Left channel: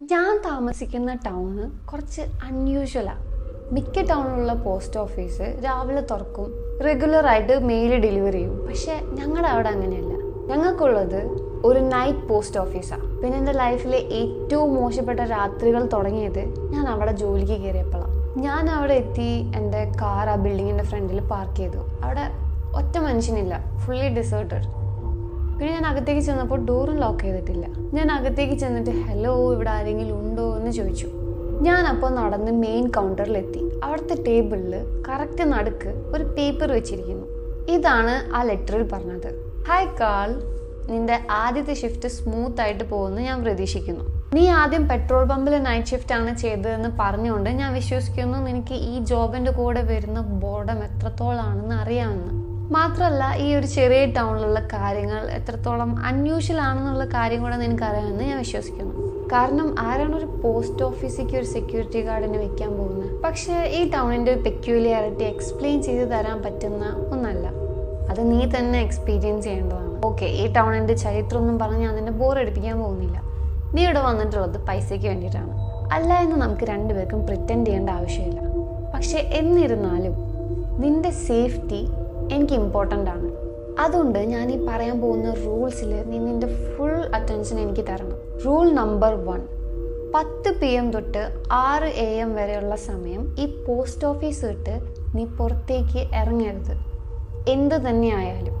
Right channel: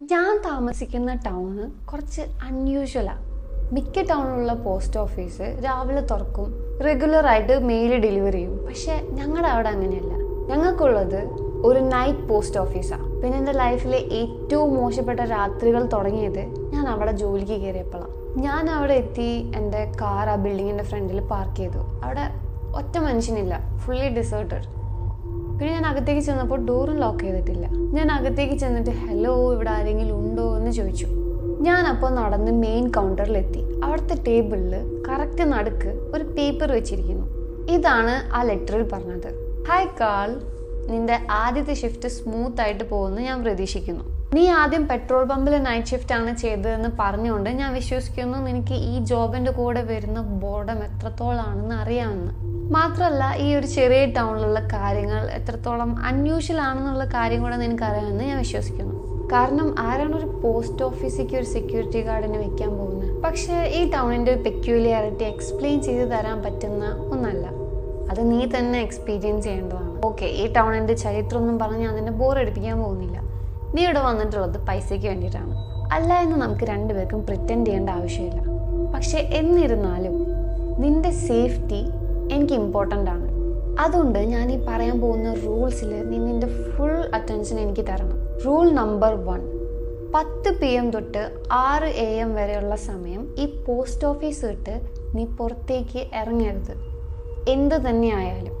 ഞാൻ താമസിക്കുന്ന ടൗണ് കുറച്ച് അൺയൂഷ്വലാണ്. മിക്ക ടൗണിലുള്ള പോസ്റ്റ് ഓഫീസ് രാവിലെ തുറക്കും, റെഗുലറായിട്ട് മെയിൽ ഡെലിവറി ചെയ്യും. പക്ഷെ ഞങ്ങളുടെ അവിടെ അങ്ങനെയല്ല. ഞങ്ങൾക്കുള്ളത് ഒരു നൈറ്റ് പോസ്റ്റ് ഓഫീസാണ്. പിന്നെ എൻ്റെ ലൈഫിലെ ഏറ്റവും മോശപ്പെട്ട രാത്രികൾ തുടങ്ങിയത് ഞാൻ അവിടെ ജോലിക്ക് കയറിയപ്പോഴാണ്. ഞാൻ അവിടെ എത്തി, എൻ്റെ കാർ ആ ബിൽഡിങ്ങിൻ്റെ ഫ്രണ്ടിൽ പാർക്ക് ചെയ്തു. അവിടെ ഒറ്റ മനുഷ്യനില്ല, ഫുള്ളി ഡിസേർട്ടഡ്. പിന്നെ ഞാൻ അകത്തേക്ക് ചെന്നപ്പോൾ ഡോറും ലോക്ക് ചെയ്തിട്ടില്ല. ഞാൻ അകത്തേക്ക് ചെന്നിട്ട് ഹലോ, ഇവിടെ ആരെങ്കിലും ഉണ്ടോ എന്ന് ചോദിച്ചു. ഞാനപ്പോൾ നടന്ന് മെയിൻ കൗണ്ടറിലെത്തി. അവിടുത്തെ ടേബിളിൽ കറക്റ്റ് നടുക്ക് ഒരു പേപ്പർ വെച്ചിരിക്കുന്നു. ഇതാണ് ആ ലെറ്ററിൽ പറഞ്ഞത്: ഹായ് കാൾ, നിന്റെ ആദ്യത്തെ ഷിഫ്റ്റ് സ്മൂത്ത് ആയിട്ട് പോകുമെന്ന് ഞാൻ പ്രതീക്ഷിക്കുന്നു. നീ ആദ്യം പെട്രോൾ പമ്പിൽ നൈറ്റ് ഷിഫ്റ്റ് ആണ് ചെയ്തതെന്ന് പറഞ്ഞുകൊണ്ട് ഞാൻ വിശ്വസിക്കുന്നു നിനക്ക് ഈ ജോബിൻ്റെ കൂടെ വരുന്ന ബോർഡം എത്രത്തോളാണെന്ന് അറിയാമെന്ന്. മാത്രമല്ല, ഈ ഒരു ചെറിയ ടൗണിലുള്ള കാര്യങ്ങൾ എത്രത്തോളം അൺയൂഷ്വൽ ആണെന്നുള്ള കാര്യം കൂടെ നിനക്കറിയാമെന്ന് ഞാൻ വിശ്വസിക്കുന്നു. കാരണം ആരാണ് ഒരു പോസ്റ്റ് ഓഫീസിലേക്ക് ഒരു സെക്യൂരിറ്റി ഗാർഡിനെ വെക്കാൻ പോകുന്നത്? പക്ഷേ ഈ ടൗണിൻ്റെ പെക്യൂലിയാരിറ്റി എക്സ്പ്ലെയിൻ ചെയ്ത് തരാൻ പറ്റുന്ന ഒന്നല്ല. അത് നീ തന്നെ എക്സ്പീരിയൻസ് ചെയ്യേണ്ടതാണ്. ഓക്കെ, ഈ ടൗണിൻ്റെ ചരിത്രമൊന്നും പറഞ്ഞ് ഞാൻ നിന്നെ ബോറടിപ്പിക്കാൻ പോകുന്നില്ല. നീ ഇവിടെ വന്നിട്ടുള്ളത് പൈസയ്ക്ക് വേണ്ടിയിട്ടാണ്. അല്ല എന്ന് നമുക്ക് രണ്ടുപേർക്കും പ്രിറ്റൻഡ് ചെയ്യേണ്ട ആവശ്യമില്ല. പക്ഷെ എന്നിരുന്നാലും നിന്റെ സേഫ്റ്റി എനിക്ക് ഇമ്പോർട്ടൻ്റ് ആണ്. അതുകൊണ്ട് ഞാൻ ഈ പറയാൻ പോകുന്ന റൂൾസിൽ നീ നിൻ്റെ ഫുൾ അറ്റൻഷൻ എനിക്ക് തരണം. റൂൾ നമ്പർ 1: 10 PM തൊട്ട് 6 AM വരെയുള്ള സമയം ഈ പോസ്റ്റ് ഓഫീസ് വിട്ട് നീ പുറത്തേക്ക് ഇറങ്ങരുത്, എന്ത് തന്നെയായാലും.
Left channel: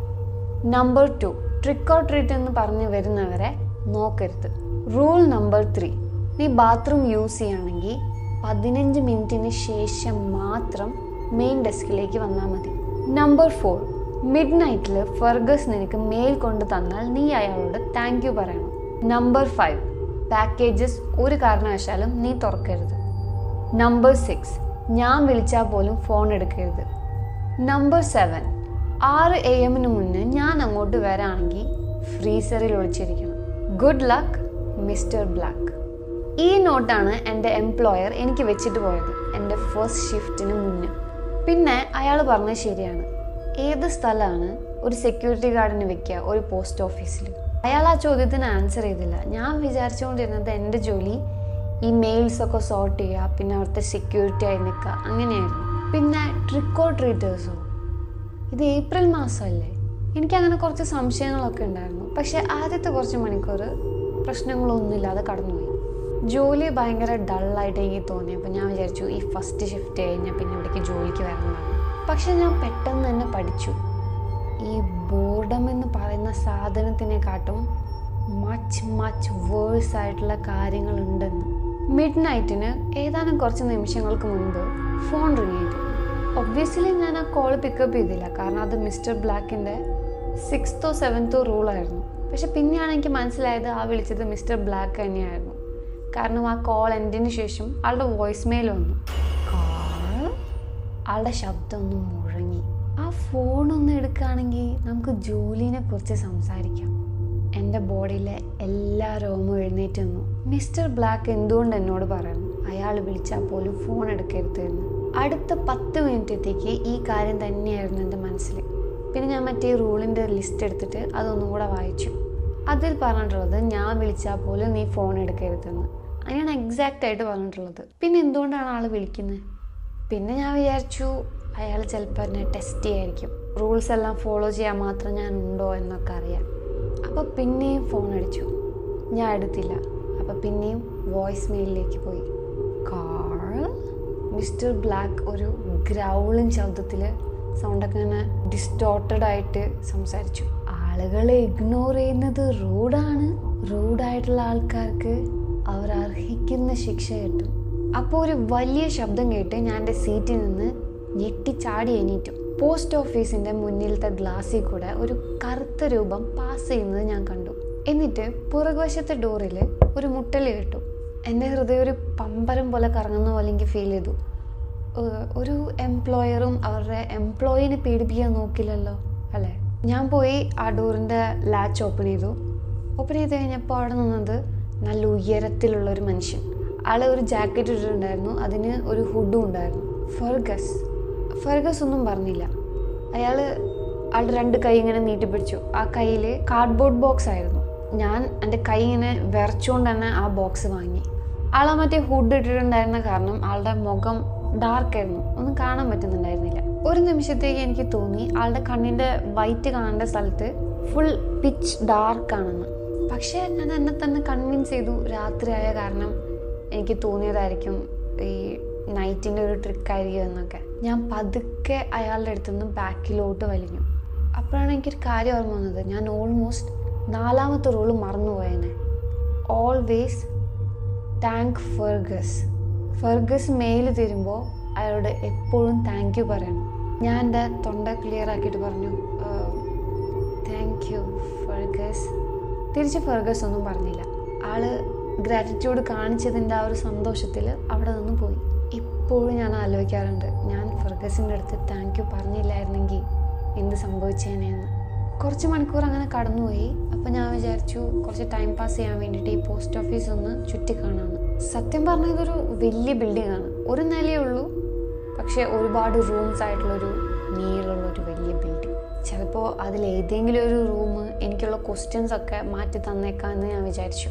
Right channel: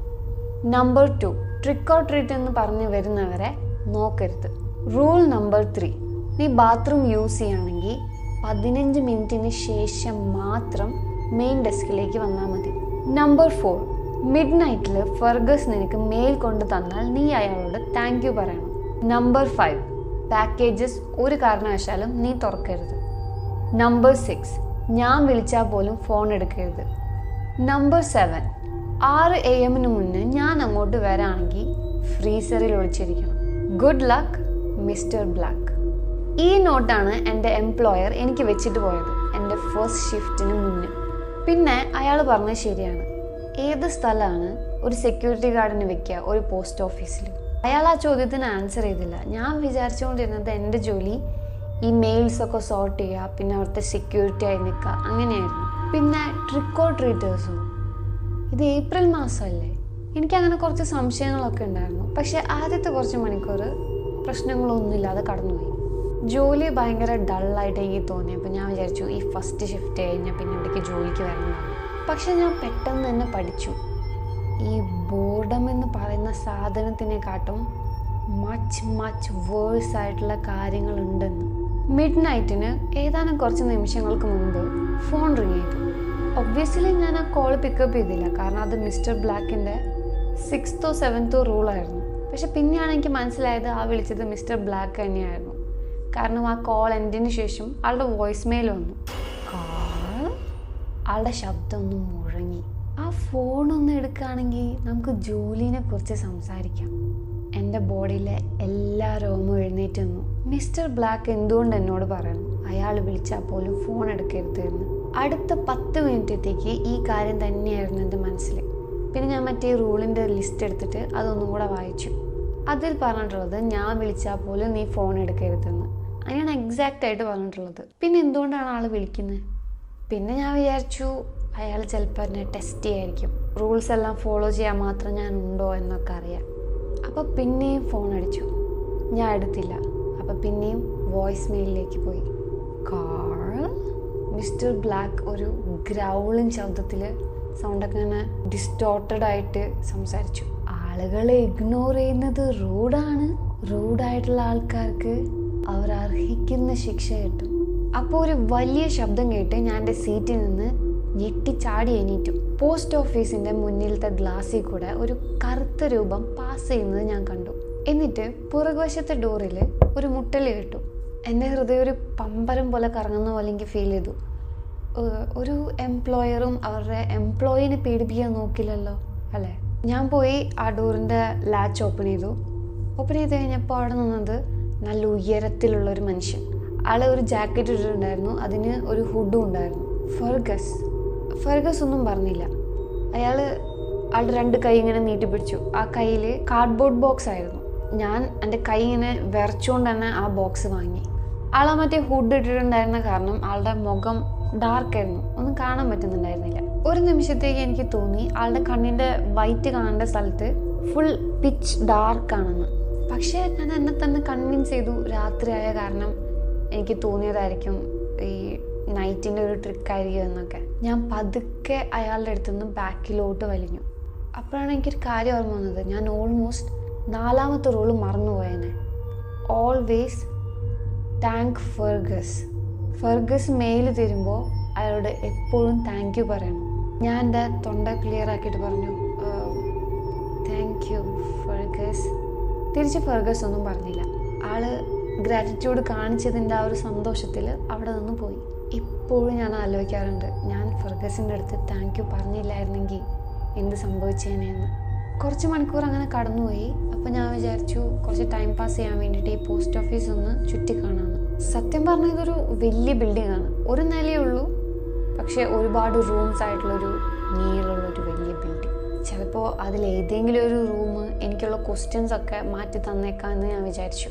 നമ്പർ 2: ട്രിക്ക് ഓർ ട്രീറ്റ് എന്ന് പറഞ്ഞ് വരുന്നവരെ നോക്കരുത്. റൂൾ നമ്പർ 3: നീ ബാത്റൂം യൂസ് ചെയ്യുകയാണെങ്കിൽ 15 മിനിറ്റിന് ശേഷം മാത്രം മെയിൻ ഡെസ്കിലേക്ക് വന്നാൽ മതി. നമ്പർ 4: മിഡ് നൈറ്റിൽ ഫെർഗസ് നിനക്ക് മെയിൽ കൊണ്ട് തന്നാൽ നീ അയാളോട് താങ്ക് യു പറയണം. നമ്പർ 5: പാക്കേജസ് ഒരു കാരണവശാലും നീ തുറക്കരുത്. നമ്പർ 6: ഞാൻ വിളിച്ചാൽ പോലും ഫോൺ എടുക്കരുത്. നമ്പർ 7: 6 AM മുന്നേ ഞാൻ അങ്ങോട്ട് വരാണെങ്കിൽ ഫ്രീസറിൽ ഒളിച്ചിരിക്കണം. Good luck, mister Black. ഈ നോട്ടാണ് എൻ്റെ എംപ്ലോയർ എനിക്ക് വെച്ചിട്ട് പോയത് എൻ്റെ ഫസ്റ്റ് ഷിഫ്റ്റിന് മുന്നേ. പിന്നെ അയാൾ പറഞ്ഞത് ശരിയാണ്. ഏത് സ്ഥലമാണ് ഒരു സെക്യൂരിറ്റി ഗാർഡിന് വെക്കുക ഒരു പോസ്റ്റ് ഓഫീസിൽ? അയാൾ ആ ചോദ്യത്തിന് ആൻസർ ചെയ്തില്ല. ഞാൻ വിചാരിച്ചുകൊണ്ടിരുന്നത് എൻ്റെ ജോലി ഈ മെയിൽസൊക്കെ സോർട്ട് ചെയ്യുക, പിന്നെ അവിടുത്തെ സെക്യൂരിറ്റി ആയി നിൽക്കുക, അങ്ങനെയായിരുന്നു. പിന്നെ ട്രിക്ക് ഓർ ട്രീറ്റേഴ്സോ? ഇത് ഏപ്രിൽ മാസമല്ലേ? എനിക്കങ്ങനെ കുറച്ച് സംശയങ്ങളൊക്കെ ഉണ്ടായിരുന്നു. പക്ഷേ ആദ്യത്തെ കുറച്ച് മണിക്കൂർ പ്രശ്നങ്ങളൊന്നുമില്ലാതെ കടന്നുപോയി. ജോലി ഭയങ്കര ഡള്ളായിട്ട് എനിക്ക് തോന്നി. അപ്പോൾ ഞാൻ വിചാരിച്ചു ഈ ഫസ്റ്റ് ഷിഫ്റ്റ് കഴിഞ്ഞാൽ പിന്നെ ഇവിടേക്ക് ജോലിക്ക് വരേണ്ടതാണ്. പക്ഷെ ഞാൻ പെട്ടെന്ന് തന്നെ പഠിച്ചു, ഈ ബോർഡം എന്ന് പറയുന്ന സാധനത്തിനെക്കാട്ടും മച്ച് വേഴ്സ് ആയിട്ടുള്ള കാര്യങ്ങളുണ്ടെന്ന്. മിഡ് നൈറ്റിന് ഏതാനും കുറച്ച് നിമിഷങ്ങൾക്ക് മുൻപ് ഫോൺ റിങ് ചെയ്തു. ഒബ്വിയസ്ലി ഞാൻ ആ കോൾ പിക്കപ്പ് ചെയ്തില്ല, കാരണം അത് മിസ്റ്റർ ബ്ലാക്കിൻ്റെ 6th or 7th റൂളായിരുന്നു. പക്ഷെ പിന്നെയാണ് എനിക്ക് മനസ്സിലായത് ആ വിളിച്ചത് മിസ്റ്റർ ബ്ലാക്ക് തന്നെയായിരുന്നു. കാരണം ആ കോൾ എൻഡിന് ശേഷം ആളുടെ വോയിസ് മെയിൽ വന്നു. ആളുടെ ശബ്ദം ഒന്ന് മുഴങ്ങി. ആ ഫോണൊന്ന് എടുക്കുകയാണെങ്കിൽ നമുക്ക് ജോലിനെ കുറിച്ച് സംസാരിക്കാം. എൻ്റെ ബോഡിയിലെ എല്ലാ രോമവും എഴുന്നേറ്റ് നിന്നു. മിസ്റ്റർ ബ്ലാക്ക് എന്തുകൊണ്ട് എന്നോട് പറയണം അയാൾ വിളിച്ചാൽ പോലും ഫോൺ എടുക്കരുത് എന്ന്? അടുത്ത 10 മിനിറ്റത്തേക്ക് ഈ കാര്യം തന്നെയായിരുന്നു എൻ്റെ മനസ്സിൽ. പിന്നെ ഞാൻ മറ്റേ റൂളിൻ്റെ ലിസ്റ്റ് എടുത്തിട്ട് അതൊന്നും കൂടെ വായിച്ചു. അതിൽ പറഞ്ഞിട്ടുള്ളത് ഞാൻ വിളിച്ചാൽ പോലും നീ ഫോൺ എടുക്കരുതെന്ന്. അങ്ങനെയാണ് എക്സാക്റ്റ് ആയിട്ട് പറഞ്ഞിട്ടുള്ളത്. പിന്നെ എന്തുകൊണ്ടാണ് ആൾ വിളിക്കുന്നത്? പിന്നെ ഞാൻ വിചാരിച്ചു അയാൾ ചിലപ്പോൾ എന്നെ ടെസ്റ്റ് ചെയ്യായിരിക്കും, റൂൾസ് എല്ലാം ഫോളോ ചെയ്യാൻ മാത്രം ഞാൻ ഉണ്ടോ എന്നൊക്കെ അറിയാം. അപ്പോൾ പിന്നെയും ഫോൺ അടിച്ചു. ഞാൻ എടുത്തില്ല. അപ്പോൾ പിന്നെയും വോയിസ് മെയിലിലേക്ക് പോയി. കാൾ. മിസ്റ്റർ ബ്ലാക്ക് ഒരു ഗ്രൗളിങ് ശബ്ദത്തിൽ, സൗണ്ടൊക്കെ ഇങ്ങനെ ഡിസ്റ്റോർട്ടഡ് ആയിട്ട് സംസാരിച്ചു. ആളുകളെ ഇഗ്നോർ ചെയ്യുന്നത് റൂഡാണ്. റൂഡായിട്ടുള്ള ആൾക്കാർക്ക് അവർ അർഹിക്കുന്ന ശിക്ഷ കിട്ടും. അപ്പോൾ ഒരു വലിയ ശബ്ദം കേട്ട് ഞാൻ എൻ്റെ സീറ്റിൽ നിന്ന് ഞെട്ടിച്ചാടി എണീറ്റു. പോസ്റ്റ് ഓഫീസിൻ്റെ മുന്നിലത്തെ ഗ്ലാസ്സിൽ കൂടെ ഒരു കറുത്ത രൂപം പാസ് ചെയ്യുന്നത് ഞാൻ കണ്ടു. എന്നിട്ട് പുറകുവശത്തെ ഡോറിൽ ഒരു മുട്ടൽ കേട്ടു. എൻ്റെ ഹൃദയം ഒരു പമ്പരം പോലെ കറങ്ങുന്ന പോലെ എനിക്ക് ഫീൽ ചെയ്തു. ഒരു എംപ്ലോയറും അവരുടെ എംപ്ലോയിനെ പേടിപ്പിക്കാൻ നോക്കില്ലല്ലോ അല്ലേ? ഞാൻ പോയി ആ ഡോറിൻ്റെ ലാച്ച് ഓപ്പൺ ചെയ്തു. ഓപ്പൺ ചെയ്ത് കഴിഞ്ഞപ്പോൾ അവിടെ നിന്നത് നല്ല ഉയരത്തിലുള്ളൊരു മനുഷ്യൻ. ആൾ ഒരു ജാക്കറ്റ് ഇട്ടിട്ടുണ്ടായിരുന്നു, അതിന് ഒരു ഹുഡും ഉണ്ടായിരുന്നു. ഫെർഗസ് ഒന്നും പറഞ്ഞില്ല. അയാൾ ആളുടെ 2 കൈ ഇങ്ങനെ നീട്ടിപ്പിടിച്ചു. ആ കയ്യിൽ കാർഡ്ബോർഡ് ബോക്സ് ആയിരുന്നു. ഞാൻ എൻ്റെ കൈ ഇങ്ങനെ വിറച്ചുകൊണ്ട് തന്നെ ആ ബോക്സ് വാങ്ങി. ആളെ മറ്റേ ഹുഡ് ഇട്ടിട്ടുണ്ടായിരുന്ന കാരണം ആളുടെ മുഖം ഡാർക്കായിരുന്നു, ഒന്നും കാണാൻ പറ്റുന്നുണ്ടായിരുന്നില്ല. ഒരു നിമിഷത്തേക്ക് എനിക്ക് തോന്നി ആളുടെ കണ്ണിൻ്റെ വൈറ്റ് കാണേണ്ട സ്ഥലത്ത് ഫുൾ പിച്ച് ഡാർക്കാണെന്ന്. പക്ഷേ ഞാൻ എന്നെ തന്നെ കൺവിൻസ് ചെയ്തു രാത്രിയായ കാരണം എനിക്ക് തോന്നിയതായിരിക്കും ഈ നൈറ്റിൻ്റെ ഒരു ട്രിക്കായിരിക്കും എന്നൊക്കെ. ഞാൻ പതുക്കെ അയാളുടെ അടുത്തുനിന്ന് ബാക്കിലോട്ട് വലിഞ്ഞു. അപ്പോഴാണ് എനിക്കൊരു കാര്യം ഓർമ്മ വന്നത്. ഞാൻ ഓൾമോസ്റ്റ് 4ാമത്തെ റൂള് മറന്നുപോയേനെ. ഓൾവേസ് താങ്ക് ഫെർഗസ് മെയിൽ തരുമ്പോൾ അയാളോട് എപ്പോഴും താങ്ക് യു പറയണം. ഞാൻ എൻ്റെ തൊണ്ട ക്ലിയർ ആക്കിയിട്ട് പറഞ്ഞു താങ്ക് യു ഫെർഗസ്. തിരിച്ച് ഫെർഗസ് ഒന്നും പറഞ്ഞില്ല. ആള് ഗ്രാറ്റിറ്റ്യൂഡ് കാണിച്ചതിൻ്റെ ആ ഒരു സന്തോഷത്തിൽ അവിടെ നിന്ന് പോയി. ഇപ്പോഴും ഞാൻ ആലോചിക്കാറുണ്ട്, ഞാൻ ഫെർഗസിൻ്റെ അടുത്ത് താങ്ക് യു പറഞ്ഞില്ലായിരുന്നെങ്കിൽ എന്ത് സംഭവിച്ചേനെന്ന്. കുറച്ച് മണിക്കൂർ അങ്ങനെ കടന്നുപോയി. അപ്പോൾ ഞാൻ വിചാരിച്ചു കുറച്ച് ടൈം പാസ് ചെയ്യാൻ വേണ്ടിയിട്ട് ഈ പോസ്റ്റ് ഓഫീസ് ഒന്ന് ചുറ്റിക്കാണാമെന്ന്. സത്യം പറഞ്ഞാൽ ഇതൊരു വലിയ ബിൽഡിംഗ് ആണ്. ഒരു നിലയേ ഉള്ളൂ, പക്ഷേ ഒരുപാട് റൂംസ് ആയിട്ടുള്ളൊരു നീളമുള്ളൊരു വലിയ ബിൽഡിംഗ്. ചിലപ്പോൾ അതിലേതെങ്കിലും ഒരു റൂം എനിക്കുള്ള ക്വസ്റ്റ്യൻസ് ഒക്കെ മാറ്റി തന്നേക്കാമെന്ന് ഞാൻ വിചാരിച്ചു.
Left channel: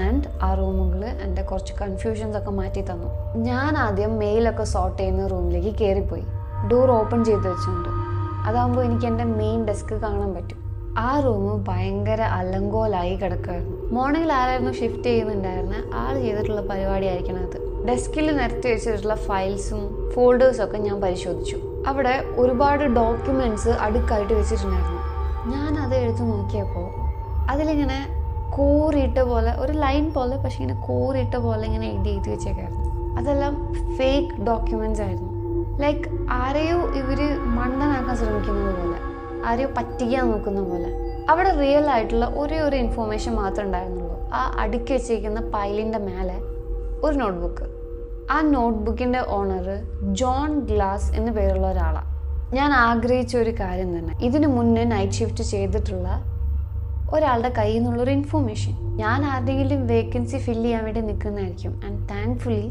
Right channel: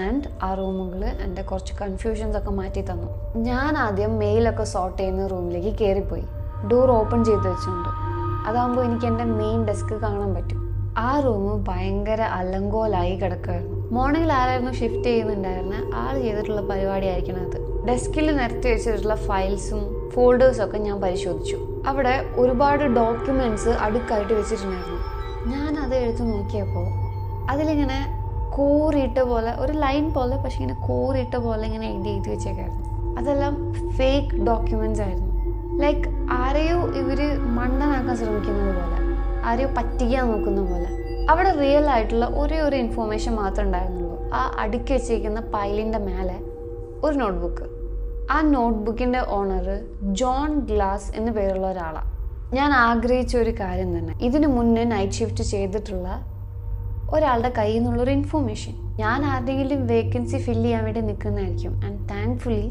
ആൻഡ് ആ റൂമുകൾ എൻ്റെ കുറച്ച് കൺഫ്യൂഷൻസ് ഒക്കെ മാറ്റി തന്നു. ഞാൻ ആദ്യം മെയിലൊക്കെ സോർട്ട് ചെയ്യുന്ന റൂമിലേക്ക് കയറിപ്പോയി. ഡോർ ഓപ്പൺ ചെയ്ത് വെച്ചിട്ടുണ്ട്. അതാകുമ്പോൾ എനിക്ക് എൻ്റെ മെയിൻ ഡെസ്ക് കാണാൻ പറ്റും. ആ റൂം ഭയങ്കര അലങ്കോലായി കിടക്കുമായിരുന്നു. മോർണിംഗിൽ ആരായിരുന്നു ഷിഫ്റ്റ് ചെയ്യുന്നുണ്ടായിരുന്നത്, ആൾ ചെയ്തിട്ടുള്ള പരിപാടിയായിരിക്കണം അത്. ഡെസ്കിൽ നിരത്തി വെച്ചിട്ടുള്ള ഫയൽസും ഫോൾഡേഴ്സൊക്കെ ഞാൻ പരിശോധിച്ചു. അവിടെ ഒരുപാട് ഡോക്യുമെൻറ്റ്സ് അടുക്കായിട്ട് വെച്ചിട്ടുണ്ടായിരുന്നു. ഞാൻ അത് എടുത്ത് നോക്കിയപ്പോൾ അതിലിങ്ങനെ കോറിയിട്ട പോലെ ഒരു ലൈൻ പോലെ, പക്ഷെ ഇങ്ങനെ കോറിയിട്ട പോലെ ഇങ്ങനെ എഴുതി വെച്ചേക്കായിരുന്നു. അതെല്ലാം ഫേക്ക് ഡോക്യുമെൻറ്റ്സ് ആയിരുന്നു. ലൈക്ക് ആരെയോ ഇവർ മണ്ടനാക്കാൻ ശ്രമിക്കുന്നത് പോലെ, ആരെയോ പറ്റിക്കാൻ നോക്കുന്ന പോലെ. അവിടെ റിയൽ ആയിട്ടുള്ള ഒരേ ഒരു ഇൻഫോർമേഷൻ മാത്രമേ ഉണ്ടായിരുന്നുള്ളൂ. ആ അടുക്കി വെച്ചിരിക്കുന്ന പൈലിൻ്റെ മേലെ ഒരു നോട്ട്ബുക്ക്. ആ നോട്ട്ബുക്കിൻ്റെ ഓണർ ജോൺ ഗ്ലാസ് എന്ന് പേരുള്ള ഒരാളാണ്. ഞാൻ ആഗ്രഹിച്ച ഒരു കാര്യം തന്നെ, ഇതിനു മുന്നേ നൈറ്റ് ഷിഫ്റ്റ് ചെയ്തിട്ടുള്ള ഒരാളുടെ കയ്യിൽ നിന്നുള്ളൊരു ഇൻഫോർമേഷൻ. ഞാൻ ആരുടെയെങ്കിലും വേക്കൻസി ഫില്ല് ചെയ്യാൻ വേണ്ടി നിൽക്കുന്നതായിരിക്കും. ആൻഡ് താങ്ക്ഫുള്ളി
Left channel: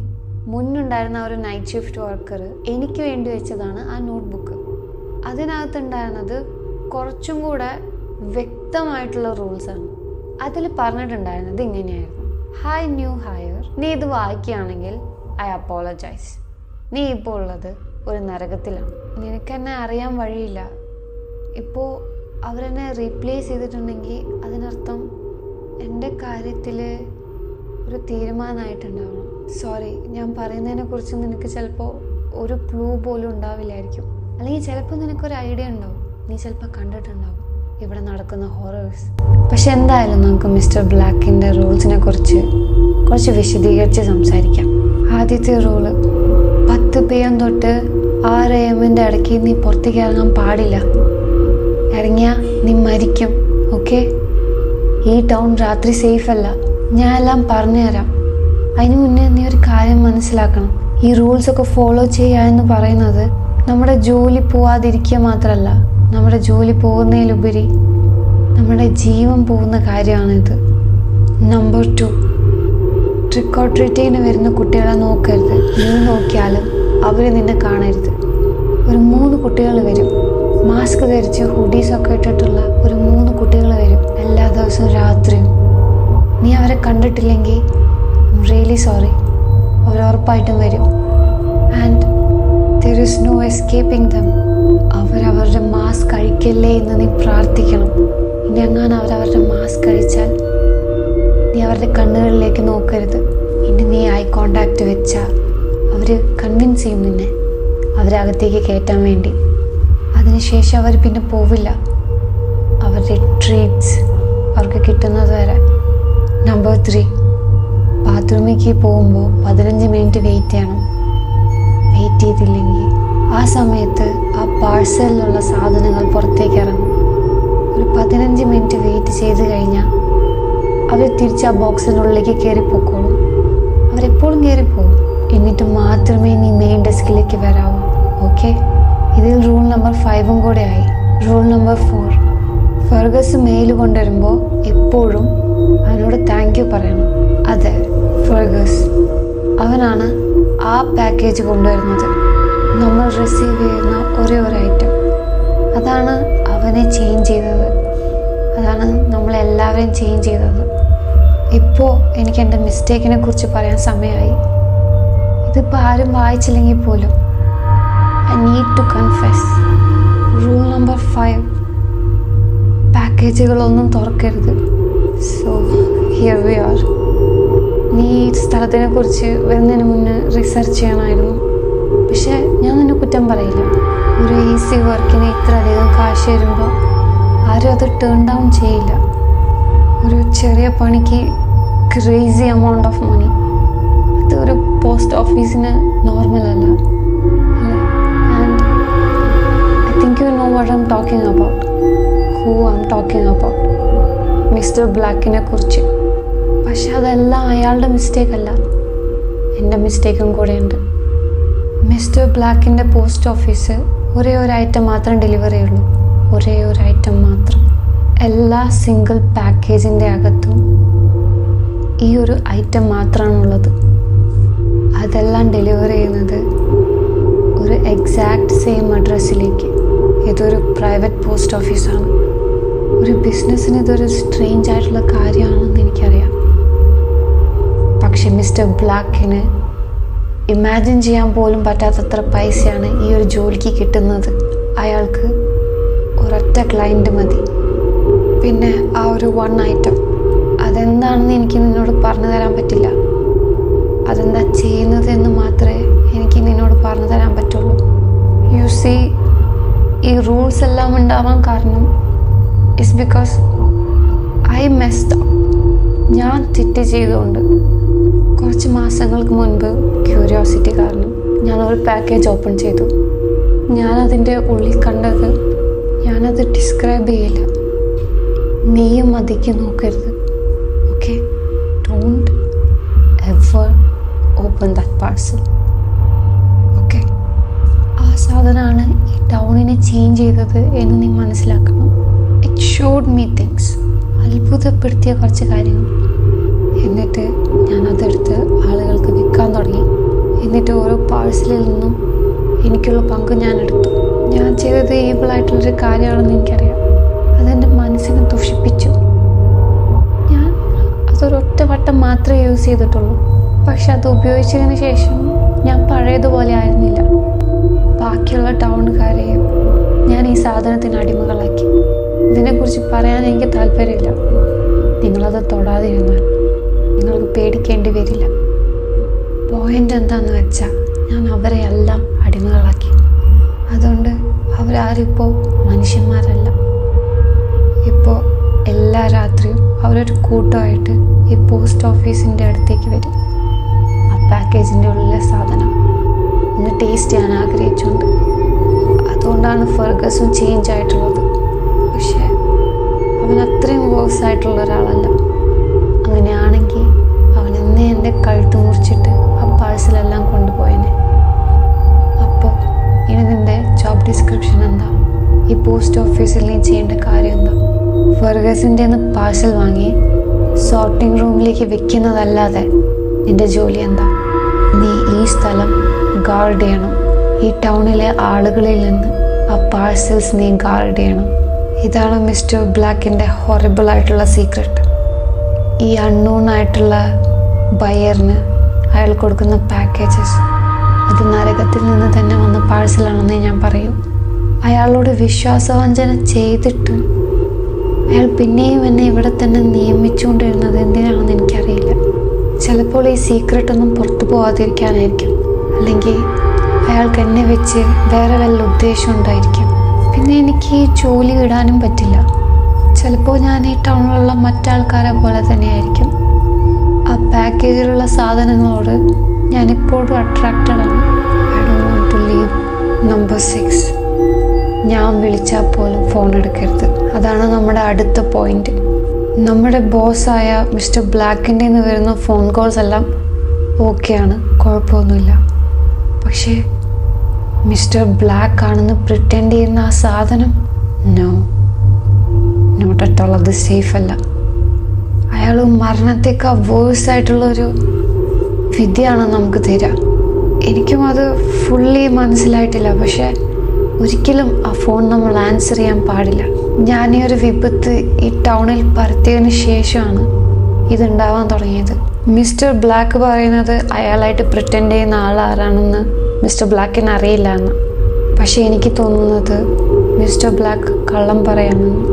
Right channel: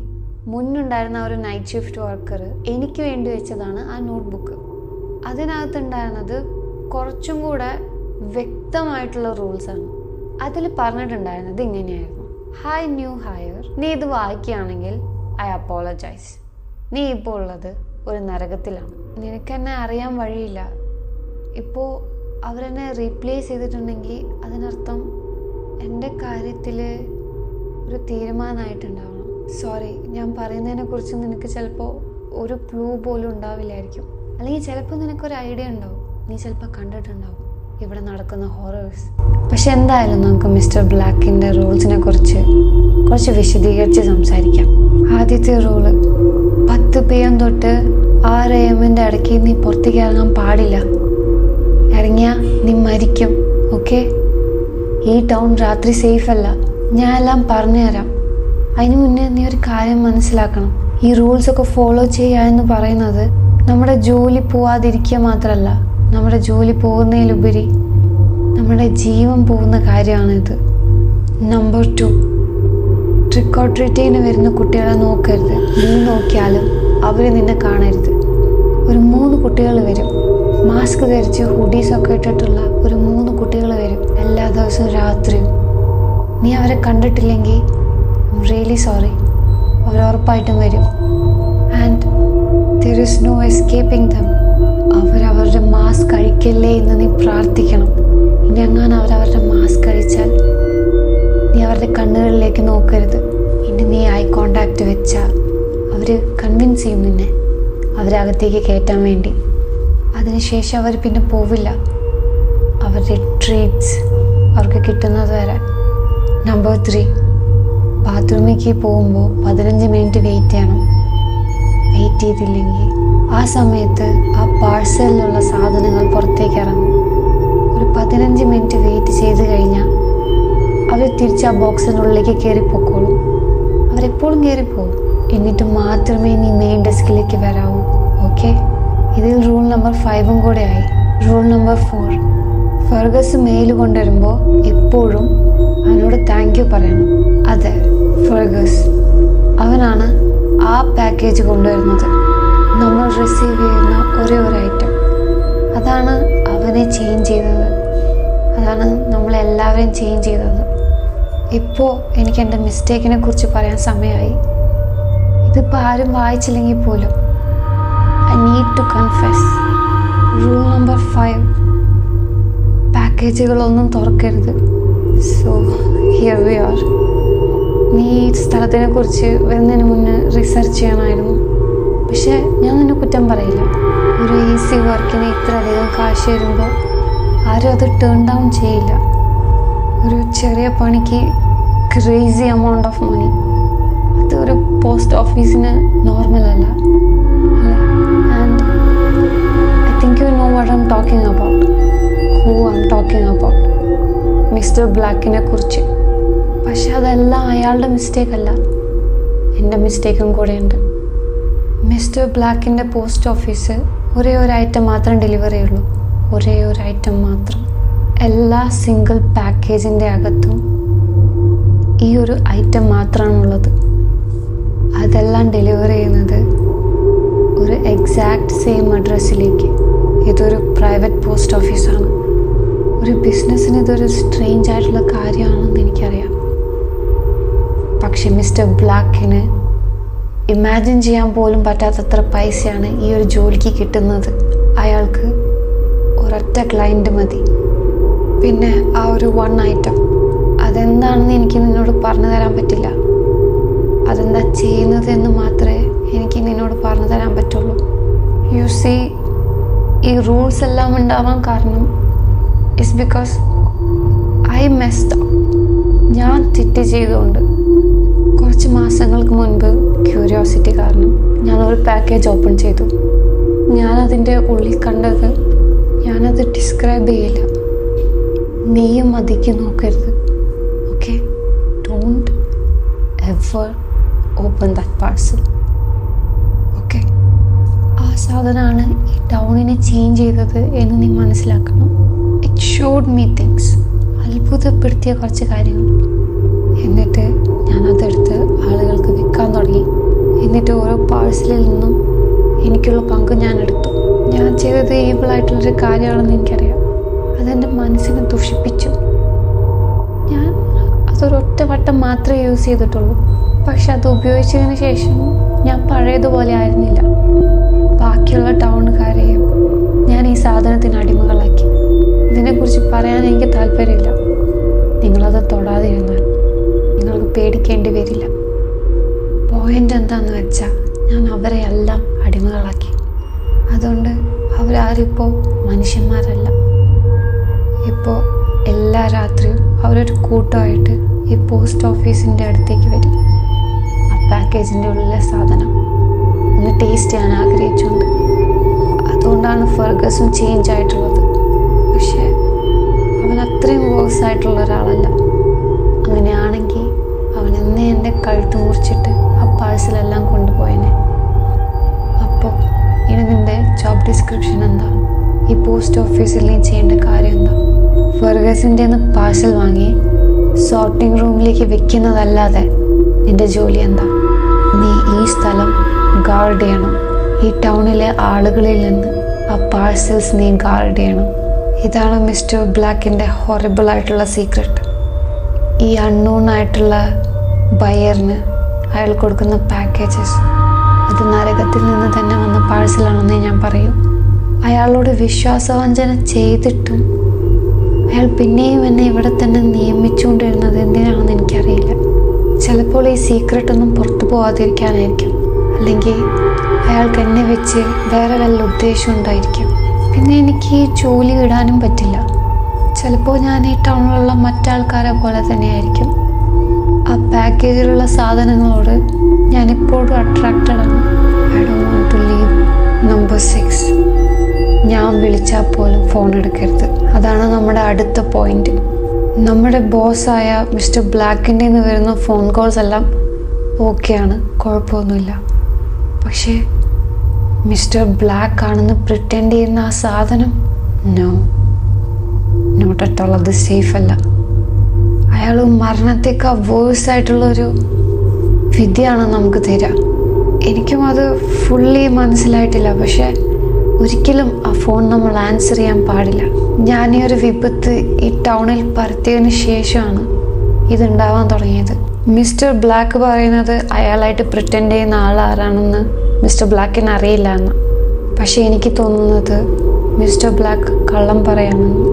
മുന്നുണ്ടായിരുന്ന ഒരു നൈറ്റ് ഷിഫ്റ്റ് വർക്കർ എനിക്ക് വേണ്ടി വെച്ചതാണ് ആ നോട്ട്ബുക്ക്. അതിനകത്തുണ്ടായിരുന്നത് കുറച്ചും കൂടെ വ്യക്തമായിട്ടുള്ള റൂൾസാണ്. അതിൽ പറഞ്ഞിട്ടുണ്ടായിരുന്നത് ഇങ്ങനെയായിരുന്നു: ഹായ് ന്യൂ ഹയർ, നീ ഇത് വായിക്കുകയാണെങ്കിൽ ഐ അപ്പോളജൈസ്. നീ ഇപ്പോൾ ഉള്ളത് ഒരു നരകത്തിലാണ്. നിനക്കെന്നെ അറിയാൻ വഴിയില്ല. ഇപ്പോൾ അവരെന്നെ റീപ്ലേസ് ചെയ്തിട്ടുണ്ടെങ്കിൽ അതിനർത്ഥം എൻ്റെ കാര്യത്തിൽ ഒരു തീരുമാനമായിട്ടുണ്ടാവണം. സോറി, ഞാൻ പറയുന്നതിനെക്കുറിച്ച് നിനക്ക് ചിലപ്പോൾ ഒരു ക്ലൂ പോലും ഉണ്ടാവില്ലായിരിക്കും. അല്ലെങ്കിൽ ചിലപ്പോൾ നിനക്കൊരു ഐഡിയ ഉണ്ടാവും. നീ ചിലപ്പോൾ കണ്ടിട്ടുണ്ടാവും ഇവിടെ നടക്കുന്ന ഹൊറേഴ്സ്. പക്ഷെ എന്തായാലും നമുക്ക് മിസ്റ്റർ ബ്ലാക്കിൻ്റെ റൂൾസിനെ കുറിച്ച് കുറച്ച് വിശദീകരിച്ച് സംസാരിക്കാം. ആദ്യത്തെ റൂള്, 10 PM തൊട്ട് 6 AM ഇടയ്ക്ക് നീ പുറത്തേക്ക് ഇറങ്ങാൻ പാടില്ല. ഇറങ്ങിയാൽ നീ മരിക്കും. ഓക്കെ? ഈ ടൗൺ രാത്രി സേഫ് അല്ല. ഞാൻ എല്ലാം പറഞ്ഞു തരാം. അതിന് മുന്നേ നീ ഒരു കാര്യം മനസ്സിലാക്കണം. ഈ റൂൾസൊക്കെ ഫോളോ ചെയ്യുക എന്ന് പറയുന്നത് നമ്മുടെ ജോലി പോവാതിരിക്കുക മാത്രമല്ല, നമ്മുടെ ജോലി പോകുന്നതിലുപരി നമ്മുടെ ജീവൻ പോകുന്ന കാര്യമാണിത്. നമ്പർ 2, ട്രിക്ക് ഓർ ട്രീറ്റിന് വരുന്ന കുട്ടികളെ നോക്കരുത്. നീ നോക്കിയാലും അവർ നിന്നെ കാണരുത്. ഒരു 3 കുട്ടികൾ വരും, മാസ്ക് ധരിച്ച് ഹുഡീസൊക്കെ ഇട്ടിട്ടുള്ള ഒരു 3 കുട്ടികൾ വരും എല്ലാ ദിവസവും രാത്രിയും. നീ അവരെ കണ്ടിട്ടില്ലെങ്കിൽ ഐ എം റിയലി സോറി, അവർ ഉറപ്പായിട്ടും വരും. And there is no escaping them. അവരവരുടെ മാസ്ക് കഴിക്കല്ലേ എന്ന് നീ പ്രാർത്ഥിക്കണം. ഇനി അങ്ങനെ അവരവരുടെ മാസ്ക് കഴിച്ചാൽ നീ അവരുടെ കണ്ണുകളിലേക്ക് നോക്കരുത്. ഇനി നീ ഐ കോണ്ടാക്റ്റ് വെച്ചാൽ അവർ കൺവിൻസ് ചെയ്യും നിന്നെ അവരകത്തേക്ക് കയറ്റാൻ വേണ്ടി. അതിനുശേഷം അവർ പിന്നെ പോവില്ല. അവരുടെ ട്രീറ്റ്സ് അവർക്ക് കിട്ടുന്നത് വരെ. നമ്പർ 3, ബാത്റൂമിലേക്ക് പോകുമ്പോൾ 15 മിനിറ്റ് വെയിറ്റ് ചെയ്യണം. വെയിറ്റ് ചെയ്തില്ലെങ്കിൽ ആ സമയത്ത് ആ പാഴ്സലിലുള്ള സാധനങ്ങൾ പുറത്തേക്ക് ഇറങ്ങും. ഒരു 15 മിനിറ്റ് വെയിറ്റ് ചെയ്ത് കഴിഞ്ഞാൽ അവർ തിരിച്ച് ആ ബോക്സിനുള്ളിലേക്ക് കയറിപ്പോക്കോളും. അവരെപ്പോഴും കയറിപ്പോവും. എന്നിട്ട് മാത്രമേ നീ മെയിൻ ഡെസ്കിലേക്ക് വരാവൂ. ഓക്കെ? ഇതിൽ റൂൾ നമ്പർ 5 കൂടെ ആയി. റൂൾ നമ്പർ 4, ഫെർഗസ് മെയിൽ കൊണ്ടുവരുമ്പോൾ എപ്പോഴും അവനോട് താങ്ക് യു പറയണം. അതെ, ഫെർഗസ് അവനാണ് ആ പാക്കേജ് കൊണ്ടുവരുന്നത്. നമ്മൾ റിസീവ് ചെയ്യുന്ന ഒരേ ഒരു ഐറ്റം. അതാണ് അവനെ ചേഞ്ച് ചെയ്തത്. അതാണ് നമ്മളെല്ലാവരെയും ചേഞ്ച് ചെയ്തത്. ഇപ്പോൾ എനിക്ക് എൻ്റെ മിസ്റ്റേക്കിനെ കുറിച്ച് പറയാൻ സമയമായി. ഇതിപ്പോൾ ആരും വായിച്ചില്ലെങ്കിൽ പോലും I need to confess. Rule number 5, പാക്കേജുകളൊന്നും തുറക്കരുത്. So here we are. നീ ഈ സ്ഥലത്തിനെ കുറിച്ച് വരുന്നതിന് മുന്നേ റിസർച്ച് ചെയ്യണമായിരുന്നു. പക്ഷേ ഞാൻ നിന്നെ കുറ്റം പറയില്ല. ഒരു ഈസി വർക്കിന് ഇത്രയധികം കാശ് വരുമ്പോൾ ആരും അത് ടേൺ ഡൗൺ ചെയ്യില്ല. ഒരു ചെറിയ പണിക്ക് ക്രേസി എമൗണ്ട് ഓഫ് മണി, അത് ഒരു പോസ്റ്റ് ഓഫീസിന് നോർമൽ അല്ല അല്ലേ? And I think you know what I'm talking about. Who I'm talking about? Mister ബ്ലാക്കിനെ കുറിച്ച്. പക്ഷെ അതെല്ലാം അയാളുടെ മിസ്റ്റേക്ക് അല്ല, എൻ്റെ മിസ്റ്റേക്കും കൂടെയുണ്ട്. മിസ്റ്റർ ബ്ലാക്കിൻ്റെ പോസ്റ്റ് ഓഫീസ് ഒരേ ഒരു ഐറ്റം മാത്രം ഡെലിവറി ചെയ്യുള്ളൂ. ഒരേ ഒരു ഐറ്റം മാത്രം. എല്ലാ സിംഗിൾ പാക്കേജിൻ്റെ അകത്തും ഈ ഒരു ഐറ്റം മാത്രമാണുള്ളത്. അതെല്ലാം ഡെലിവറി ചെയ്യുന്നത് ഒരു എക്സാക്റ്റ് സെയിം അഡ്രസ്സിലേക്ക്. ഇതൊരു പ്രൈവറ്റ് പോസ്റ്റ് ഓഫീസാണ്. ഒരു ബിസിനസ്സിന് ഇതൊരു സ്ട്രേഞ്ച് ആയിട്ടുള്ള കാര്യമാണെന്ന് എനിക്കറിയാം. പക്ഷെ മിസ്റ്റർ ബ്ലാക്കിന് ഇമാജിൻ ചെയ്യാൻ പോലും പറ്റാത്തത്ര പൈസയാണ് ഈ ഒരു ജോലിക്ക് കിട്ടുന്നത്. അയാൾക്ക് ഒരൊറ്റ ക്ലയൻറ്റ് മതി. പിന്നെ ആ ഒരു 1 ഐറ്റം, അതെന്താണെന്ന് എനിക്ക് നിന്നോട് പറഞ്ഞു തരാൻ പറ്റില്ല. അതെന്താ ചെയ്യുന്നത് എന്ന് മാത്രമേ എനിക്ക് നിന്നോട് പറഞ്ഞു തരാൻ പറ്റുള്ളൂ. യു സീ, ഈ റൂൾസ് എല്ലാം ഉണ്ടാവാൻ കാരണം it's because I messed up. ഞാൻ തെറ്റ് ചെയ്തുകൊണ്ട് കുറച്ച് മാസങ്ങൾക്ക് മുൻപ് ക്യൂരിയോസിറ്റി കാരണം ഞാനൊരു പാക്കേജ് ഓപ്പൺ ചെയ്തു. ഞാനതിൻ്റെ ഉള്ളിൽ കണ്ടത് ഞാനത് ഡിസ്ക്രൈബ് ചെയ്യില്ല. നീയും അതിക്ക് നോക്കരുത്. Okay, don't ever open that parcel. Okay, ആ സാധനമാണ് ഈ ടൗണിനെ ചേഞ്ച് ചെയ്തത് എന്ന് നീ മനസ്സിലാക്കണം. ഇറ്റ് ഷോഡ് മീ തിങ്സ്, അത്ഭുതപ്പെടുത്തിയ കുറച്ച് കാര്യങ്ങൾ. എന്നിട്ട് ഞാനതെടുത്ത് ആളുകൾക്ക് വിൽക്കാൻ തുടങ്ങി. എന്നിട്ട് ഓരോ പാഴ്സലിൽ നിന്നും എനിക്കുള്ള പങ്ക് ഞാൻ എടുത്തു. ഞാൻ ചെയ്തത് ഈവിളായിട്ടുള്ളൊരു കാര്യമാണെന്ന് എനിക്കറിയാം. അതെൻ്റെ മനസ്സിനെ ദുഷിപ്പിച്ചു. ഞാൻ അതൊരൊറ്റ വട്ടം മാത്രമേ യൂസ് ചെയ്തിട്ടുള്ളൂ. പക്ഷെ അത് ഉപയോഗിച്ചതിന് ശേഷം ഞാൻ പഴയതുപോലെ ആയിരുന്നില്ല. ബാക്കിയുള്ള ടൗണുകാരെയും ഞാൻ ഈ സാധനത്തിന് അടിമകളാക്കി. ഇതിനെക്കുറിച്ച് പറയാൻ എനിക്ക് താല്പര്യമില്ല. നിങ്ങളത് തൊടാതിരുന്നാൽ നിങ്ങൾക്ക് പേടിക്കേണ്ടി വരില്ല. പോയിൻ്റ് എന്താണെന്ന് വെച്ചാൽ ഞാൻ അവരെ എല്ലാം അടിമകളാക്കി. അതുകൊണ്ട് അവരാരിപ്പോൾ മനുഷ്യന്മാരല്ല. ഇപ്പോൾ എല്ലാ രാത്രിയും അവരൊരു കൂട്ടമായിട്ട് ഈ പോസ്റ്റ് ഓഫീസിൻ്റെ അടുത്തേക്ക് വരും. ആ പാക്കേജിൻ്റെ ഉള്ളിലെ സാധനം ഒന്ന് ടേസ്റ്റ് ചെയ്യാൻ ആഗ്രഹിച്ചുകൊണ്ട്. അതുകൊണ്ടാണ് ഫെർഗസും ചേഞ്ച് ആയിട്ടുള്ളത്. പക്ഷേ അവൻ അത്രയും വേഴ്സ് ആയിട്ടുള്ള ഒരാളല്ല. അങ്ങനെയാണെങ്കിൽ അവൻ എന്നേ എൻ്റെ കഴുത്ത് മുറിച്ചിട്ട് ആ പാഴ്സലെല്ലാം കൊണ്ടുപോയനെ. അപ്പോൾ ഇനി നിൻ്റെ ജോബ് ഡിസ്ക്രിപ്ഷൻ എന്താ? ഈ പോസ്റ്റ് ഓഫീസിൽ നീ ചെയ്യേണ്ട കാര്യം എന്താ? ഫെർഗസിൻ്റെ പാഴ്സൽ വാങ്ങി സോർട്ടിംഗ് റൂമിലേക്ക് വെക്കുന്നതല്ലാതെ നിൻ്റെ ജോലി എന്താ? നീ ഈ സ്ഥലം ഗാർഡ് ചെയ്യണം. ഈ ടൗണിലെ ആളുകളിൽ നിന്ന് ആ പാഴ്സൽസ് നീ ഗാർഡ് ചെയ്യണം. ഇതാണ് മിസ്റ്റർ ബ്ലാക്കിൻ്റെ ഹൊറിബിളായിട്ടുള്ള സീക്രട്ട്. ഈ അൺനോൺ ആയിട്ടുള്ള ബയറിന് അയാൾ കൊടുക്കുന്ന പാക്കേജസ് അത് നരകത്തിൽ നിന്ന് തന്നെ വന്ന പാഴ്സലാണെന്നേ ഞാൻ പറയൂ. അയാളോട് വിശ്വാസവഞ്ചന ചെയ്തിട്ടും അയാൾ പിന്നെയും എന്നെ ഇവിടെ തന്നെ നിയമിച്ചുകൊണ്ടിരുന്നത് എന്തിനാണെന്ന് എനിക്കറിയില്ല. ചിലപ്പോൾ ഈ സീക്രട്ടൊന്നും പുറത്തു പോകാതിരിക്കാനായിരിക്കും. അല്ലെങ്കിൽ അയാൾക്ക് എന്നെ വെച്ച് വേറെ വല്ല ഉദ്ദേശം ഉണ്ടായിരിക്കും. പിന്നെ എനിക്ക് ഈ ജോലി ഇടാനും പറ്റില്ല. ചിലപ്പോൾ ഞാൻ ഈ ടൗണിലുള്ള മറ്റാൾക്കാരെ പോലെ തന്നെയായിരിക്കും. ആ പാക്കേജിലുള്ള സാധനങ്ങളോട് ഞാനിപ്പോഴും അട്രാക്റ്റഡ് ആണ്. I don't want to leave. Number 6, ഞാൻ വിളിച്ചാൽ പോലും ഫോൺ എടുക്കരുത്. അതാണ് നമ്മുടെ അടുത്ത പോയിന്റ്. നമ്മുടെ ബോസായ മിസ്റ്റർ ബ്ലാക്കിൻ്റെ നിന്ന് വരുന്ന ഫോൺ കോൾസ് എല്ലാം ഓക്കെയാണ്, കുഴപ്പമൊന്നുമില്ല. പക്ഷേ മിസ്റ്റർ ബ്ലാക്ക് ആണെന്ന് പ്രിറ്റൻഡ് ചെയ്യുന്ന ആ സാധനം, നോ, നോട്ട് അറ്റ് ഓൾ. അത് സേഫ് അല്ല. അയാൾ മരണത്തേക്കാൾ വേഴ്സായിട്ടുള്ളൊരു വിധിയാണ് നമുക്ക് തരിക. എനിക്കും അത് ഫുള്ളി മനസ്സിലായിട്ടില്ല. പക്ഷേ ഒരിക്കലും ആ ഫോൺ നമ്മൾ ആൻസർ ചെയ്യാൻ പാടില്ല. ഞാൻ ഈ ഒരു വിപത്ത് ഈ ടൗണിൽ പരത്തിയതിന് ശേഷമാണ് ഇതുണ്ടാവാൻ തുടങ്ങിയത്. മിസ്റ്റർ ബ്ലാക്ക് പറയുന്നത് അയാളായിട്ട് പ്രിറ്റൻഡ് ചെയ്യുന്ന ആളാരാണെന്ന് മിസ്റ്റർ ബ്ലാക്കിന് അറിയില്ല എന്ന്. പക്ഷെ എനിക്ക് തോന്നുന്നത് മിസ്റ്റർ ബ്ലാക്ക് കള്ളം പറയാമെന്ന്.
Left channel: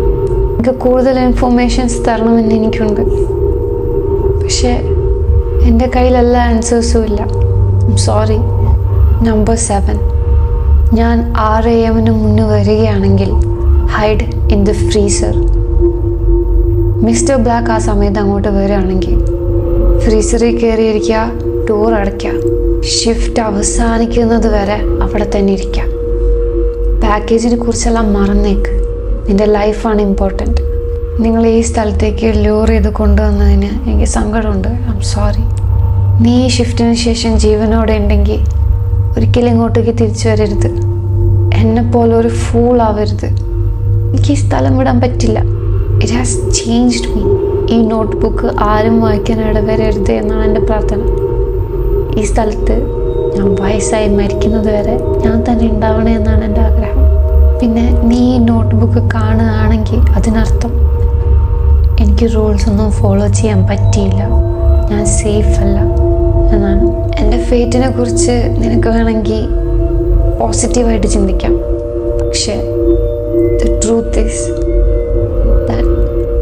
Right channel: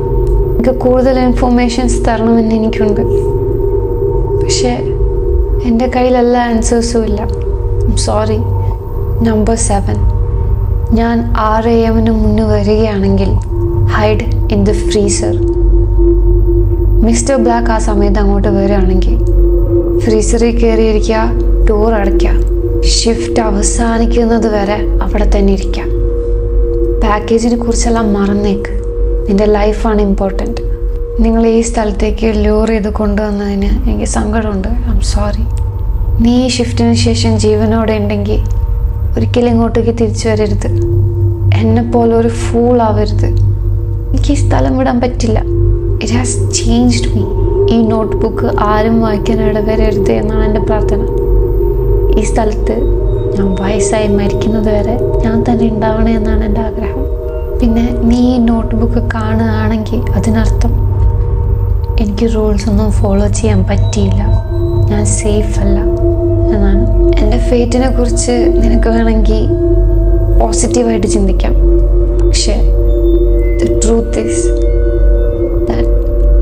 എനിക്ക് കൂടുതൽ ഇൻഫോർമേഷൻസ് തരണമെന്ന് എനിക്കുണ്ട്. പക്ഷേ എൻ്റെ കയ്യിൽ എല്ലാ ആൻസേഴ്സും ഇല്ല. സോറി. നമ്പർ 7, ഞാൻ 6 AM മുന്നേ വരികയാണെങ്കിൽ hide in the freezer. Mister black ആ സമയത്ത് അങ്ങോട്ട് വരികയാണെങ്കിൽ ഫ്രീസറിൽ കയറിയിരിക്കുക, ഡോർ അടയ്ക്കുക, ഷിഫ്റ്റ് അവസാനിക്കുന്നത് വരെ അവിടെ തന്നെ ഇരിക്കുക. പാക്കേജിനെ കുറിച്ചെല്ലാം മറന്നേക്ക്. നിൻ്റെ ലൈഫാണ് ഇമ്പോർട്ടൻറ്റ്. നിങ്ങൾ ഈ സ്ഥലത്തേക്ക് ലൂർ ചെയ്ത് കൊണ്ടുവന്നതിന് എനിക്ക് സങ്കടമുണ്ട്. I am sorry. നീ ഈ ഷിഫ്റ്റിന് ശേഷം ജീവനോടെ ഉണ്ടെങ്കിൽ ഒരിക്കലും ഇങ്ങോട്ടേക്ക് തിരിച്ചു വരരുത്. എന്നെപ്പോലെ ഒരു ഫൂൾ ആവരുത്. എനിക്ക് ഈ സ്ഥലം വിടാൻ പറ്റില്ല. It has changed me. ഈ നോട്ട് ബുക്ക് ആരും വായിക്കാൻ ഇടവരരുത് എന്നാണ് എൻ്റെ പ്രാർത്ഥന. ഈ സ്ഥലത്ത് ഞാൻ വയസ്സായി മരിക്കുന്നത് വരെ ഞാൻ തന്നെ ഉണ്ടാവണേ എന്നാണ് എൻ്റെ ആഗ്രഹം. പിന്നെ നീ ഈ നോട്ട് ബുക്ക് കാണുകയാണെങ്കിൽ അതിനർത്ഥം എനിക്ക് റൂൾസ് ഒന്നും ഫോളോ ചെയ്യാൻ പറ്റിയില്ല, ഞാൻ സേഫ് അല്ല എന്നാണ്. എൻ്റെ ഫേറ്റിനെ കുറിച്ച് നിനക്ക് വേണമെങ്കിൽ പോസിറ്റീവായിട്ട് ചിന്തിക്കാം. പക്ഷേ the truth is that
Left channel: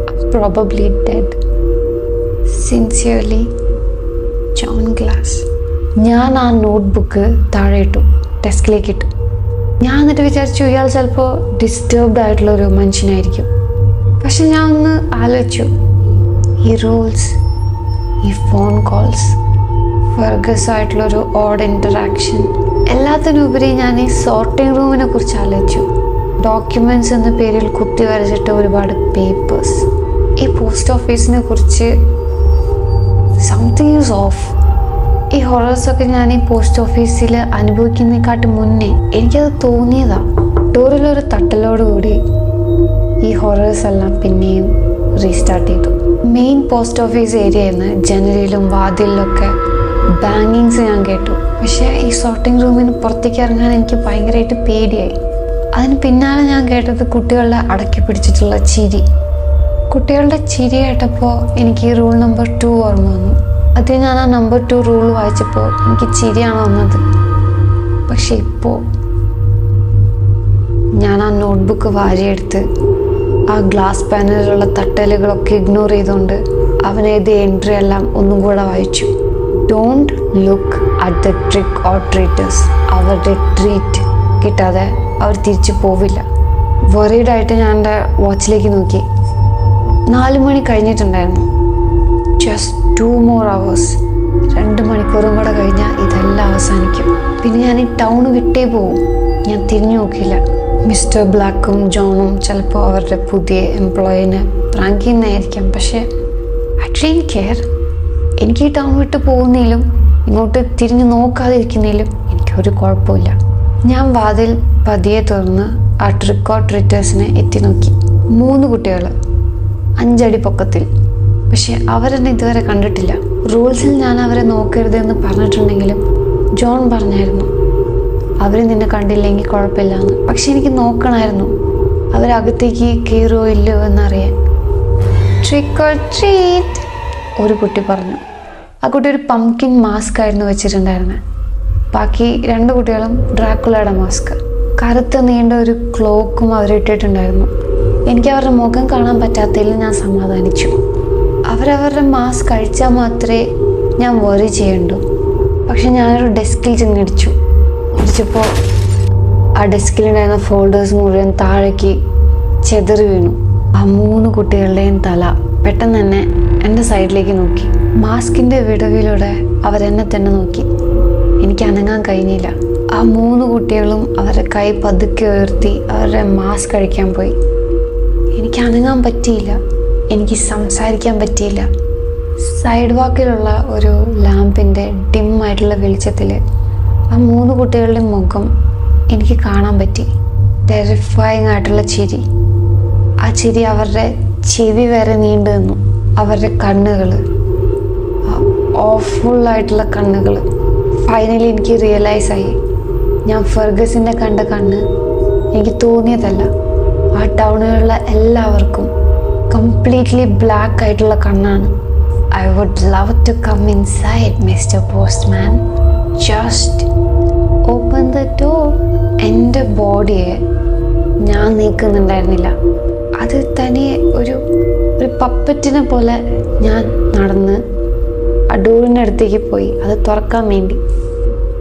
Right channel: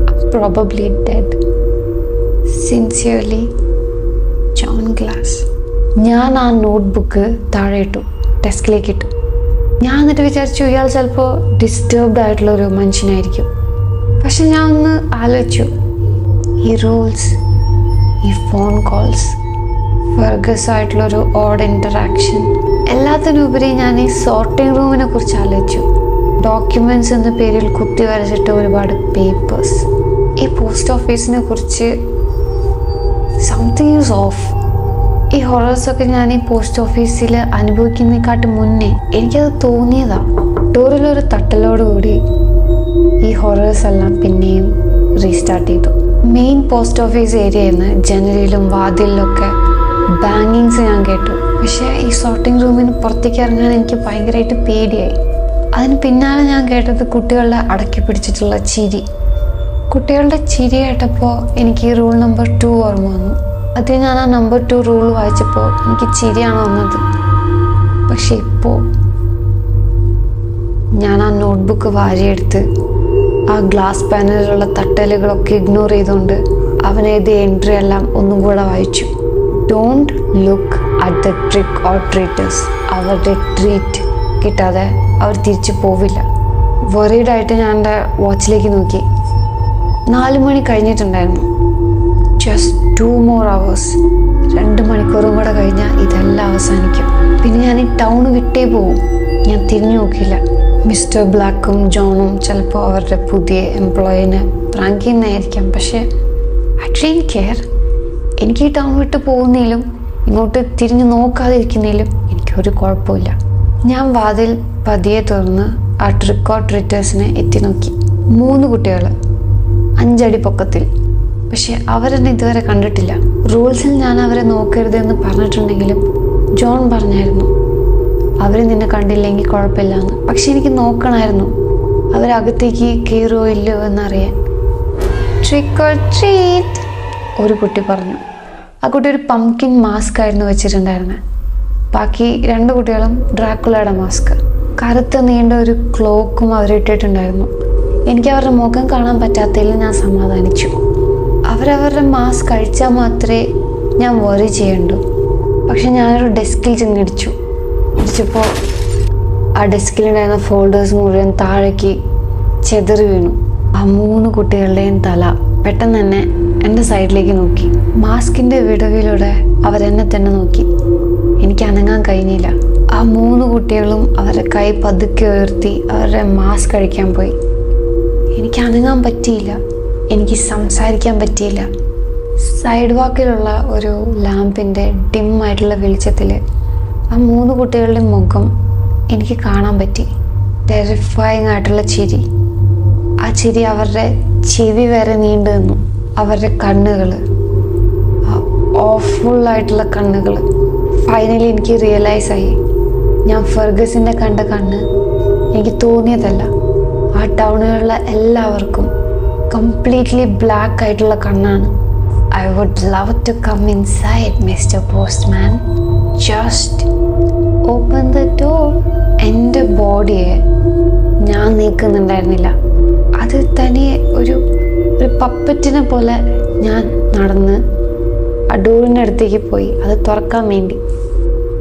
I am probably dead. Sincerely, John Glass. ഞാൻ ആ നോട്ട് ബുക്ക് താഴെ ഇട്ടു, ഡെസ്കിലേക്ക് ഇട്ടു. ഞാൻ എന്നിട്ട് വിചാരിച്ചു ഇയാൾ ചിലപ്പോൾ ഡിസ്റ്റർബ്ഡ് ആയിട്ടുള്ളൊരു മനുഷ്യനായിരിക്കും. പക്ഷെ ഞാൻ ഒന്ന് ആലോചിച്ചു, ഈ റൂൾസ്, ഈ ഫോൺ കോൾസ്, ഫർഗസ് ആയിട്ടുള്ളൊരു ഓഡ് ഇൻറ്ററാക്ഷൻ, എല്ലാത്തിനുപരി ഞാൻ ഈ സോർട്ടിംഗ് റൂമിനെ കുറിച്ച് ആലോചിച്ചു. ഡോക്യുമെൻറ്റ്സ് എന്ന പേരിൽ കുത്തി വരച്ചിട്ട് ഒരുപാട് പേപ്പേഴ്സ്. ഈ പോസ്റ്റ് ഓഫീസിനെ കുറിച്ച് സംതിങ് ഈസ് ഓഫ്. ഈ ഹൊറേഴ്സൊക്കെ ഞാൻ ഈ പോസ്റ്റ് ഓഫീസിൽ അനുഭവിക്കുന്നതിനെക്കാട്ടും മുന്നേ എനിക്കത് തോന്നിയതാ. ഡോറിലൊരു തട്ടലോടുകൂടി ഈ ഹൊറേഴ്സ് എല്ലാം പിന്നെയും റീസ്റ്റാർട്ട് ചെയ്തു. മെയിൻ പോസ്റ്റ് ഓഫീസ് ഏരിയയിൽ നിന്ന് ജനലിലും വാതിലിലൊക്കെ ബാങ്കിങ്സ് ഞാൻ കേട്ടു. പക്ഷേ ഈ സോർട്ടിംഗ് റൂമിന് പുറത്തേക്ക് ഇറങ്ങാൻ എനിക്ക് ഭയങ്കരമായിട്ട് പേടിയായി. അതിന് പിന്നാലെ ഞാൻ കേട്ടത് കുട്ടികളുടെ അടക്കി പിടിച്ചിട്ടുള്ള ചിരി. കുട്ടികളുടെ ചിരി കേട്ടപ്പോൾ എനിക്ക് ഈ റൂൾ നമ്പർ 2 ഓർമ്മ വന്നു. അത് ഞാൻ ആ നമ്പർ 2 റൂൾ വായിച്ചപ്പോൾ എനിക്ക് ചിരിയാണ് വന്നത്. പക്ഷെ ഇപ്പോൾ ഞാൻ ആ നോട്ട്ബുക്ക് വാരിയെടുത്ത് ആ ഗ്ലാസ് പാനലിലുള്ള തട്ടലുകളൊക്കെ ഇഗ്നോർ ചെയ്തുകൊണ്ട് അവനെഴുതിയ എൻട്രി എല്ലാം ഒന്നും കൂടെ വായിച്ചു. Don't look at the trick or treaters. അവരുടെ ട്രീറ്റ് കിട്ടാതെ അവർ തിരിച്ചു പോവില്ല. വറീഡായിട്ട് ഞാൻ എൻ്റെ വാച്ചിലേക്ക് നോക്കി. 4 മണി കഴിഞ്ഞിട്ടുണ്ടായിരുന്നു. Just 2 more hours. 2 മണിക്കൂറും കൂടെ കഴിഞ്ഞാൽ ഇതെല്ലാം അവസാനിക്കും. പിന്നെ ഞാൻ ഈ ടൗൺ വിട്ടേ പോവും. ഞാൻ തിരിഞ്ഞു നോക്കില്ല. മിസ്റ്റർ ബ്ലാക്കും ജോണും ചിലപ്പോൾ അവരുടെ പുതിയ എംപ്ലോയിനെ പ്രാങ്ക് ചെയ്യുന്നതായിരിക്കാം. പക്ഷേ ഐ ഡോണ്ട് കെയർ. എനിക്ക് ഈ ടൗൺ വിട്ട് പോകുന്നതിലും ഇങ്ങോട്ട് തിരിഞ്ഞു നോക്കാതിരിക്കുന്നതിലും എനിക്കൊരു കുഴപ്പമില്ല. ഞാൻ വാതിൽ പതിയെ തുറന്ന് ആ ട്രിക്ക് ഓർ ട്രീറ്റേഴ്സിനെ എത്തി നോക്കി. 3 കുട്ടികൾ 5 അടി പൊക്കത്തിൽ. പക്ഷെ അവരെന്നെ ഇതുവരെ കണ്ടിട്ടില്ല. റൂൾസിൽ ഞാൻ അവരെ നോക്കരുതെന്ന് പറഞ്ഞിട്ടുണ്ടെങ്കിലും ജോൺ പറഞ്ഞായിരുന്നു അവർ നിന്നെ കണ്ടില്ലെങ്കിൽ കുഴപ്പമില്ല എന്ന്. പക്ഷെ എനിക്ക് നോക്കണമായിരുന്നു അവരകത്തേക്ക് കയറുമോ ഇല്ലയോ എന്നറിയാൻ. ട്രിക്ക് ഓർ ട്രീറ്റ്, ഒരു കുട്ടി പറഞ്ഞു. ആ കുട്ടി ഒരു പംകിൻ മാസ്ക് ആയിരുന്നു വെച്ചിട്ടുണ്ടായിരുന്നത്. ബാക്കി 2 കുട്ടികളും ഡ്രാക്കുളയുടെ മാസ്ക്. കറുത്ത നീണ്ട ഒരു ക്ലോക്കും അവരിട്ടിട്ടുണ്ടായിരുന്നു. എനിക്ക് അവരുടെ മുഖം കാണാൻ പറ്റാത്തതിൽ ഞാൻ സമാധാനിച്ചു. അവരവരുടെ മാസ്ക് കഴിച്ചാൽ മാത്രമേ ഞാൻ വറി ചെയ്യണ്ടൂ. പക്ഷെ ഞാനൊരു ഡെസ്കിൽ ചെന്നിടിച്ചു. ഇടിച്ചപ്പോൾ ആ ഡെസ്കിലുണ്ടായിരുന്ന ഫോൾഡേഴ്സ് മുഴുവൻ താഴേക്ക് ചെതറി വീണു. ആ 3 കുട്ടികളുടെയും തല പെട്ടെന്ന് തന്നെ എൻ്റെ സൈഡിലേക്ക് നോക്കി. മാസ്കിൻ്റെ വിടവിലൂടെ അവരെന്നെ തന്നെ നോക്കി. എനിക്ക് അനങ്ങാൻ കഴിഞ്ഞില്ല. ആ 3 കുട്ടികളും അവരുടെ കൈ പതുക്കെ ഉയർത്തി അവരുടെ മാസ്ക് കഴിക്കാൻ പോയി. എനിക്ക് അനങ്ങാൻ പറ്റിയില്ല. എനിക്ക് സംസാരിക്കാൻ പറ്റിയില്ല. സൈഡ് വാക്കിലുള്ള ഒരു ലാമ്പിൻ്റെ ഡിമ്മായിട്ടുള്ള വെളിച്ചത്തിൽ ആ 3 കുട്ടികളുടെ മുഖം എനിക്ക് കാണാൻ പറ്റി. ടെറിഫയിങ് ആയിട്ടുള്ള ചിരി. ആ ചിരി അവരുടെ ചെവി വരെ നീണ്ടു നിന്നു. അവരുടെ കണ്ണുകൾ, ഓഫുള്ളായിട്ടുള്ള കണ്ണുകൾ. ഫൈനലി എനിക്ക് റിയലൈസായി, ഞാൻ ഫെർഗസിൻ്റെ കണ്ട കണ്ണ് എനിക്ക് തോന്നിയതല്ല. ആ ടൗണിലുള്ള എല്ലാവർക്കും കംപ്ലീറ്റ്ലി ബ്ലാക്ക് ആയിട്ടുള്ള കണ്ണാണ്. I would love to come inside, Mr. Postman. Just open the door. എൻ്റെ ബോഡിയെ ഞാൻ നീക്കുന്നുണ്ടായിരുന്നില്ല. അത് തനിയെ ഒരു പപ്പറ്റിനെ പോലെ ഞാൻ നടന്ന് ആ ഡോറിൻ്റെ അടുത്തേക്ക് പോയി അത് തുറക്കാൻ വേണ്ടി.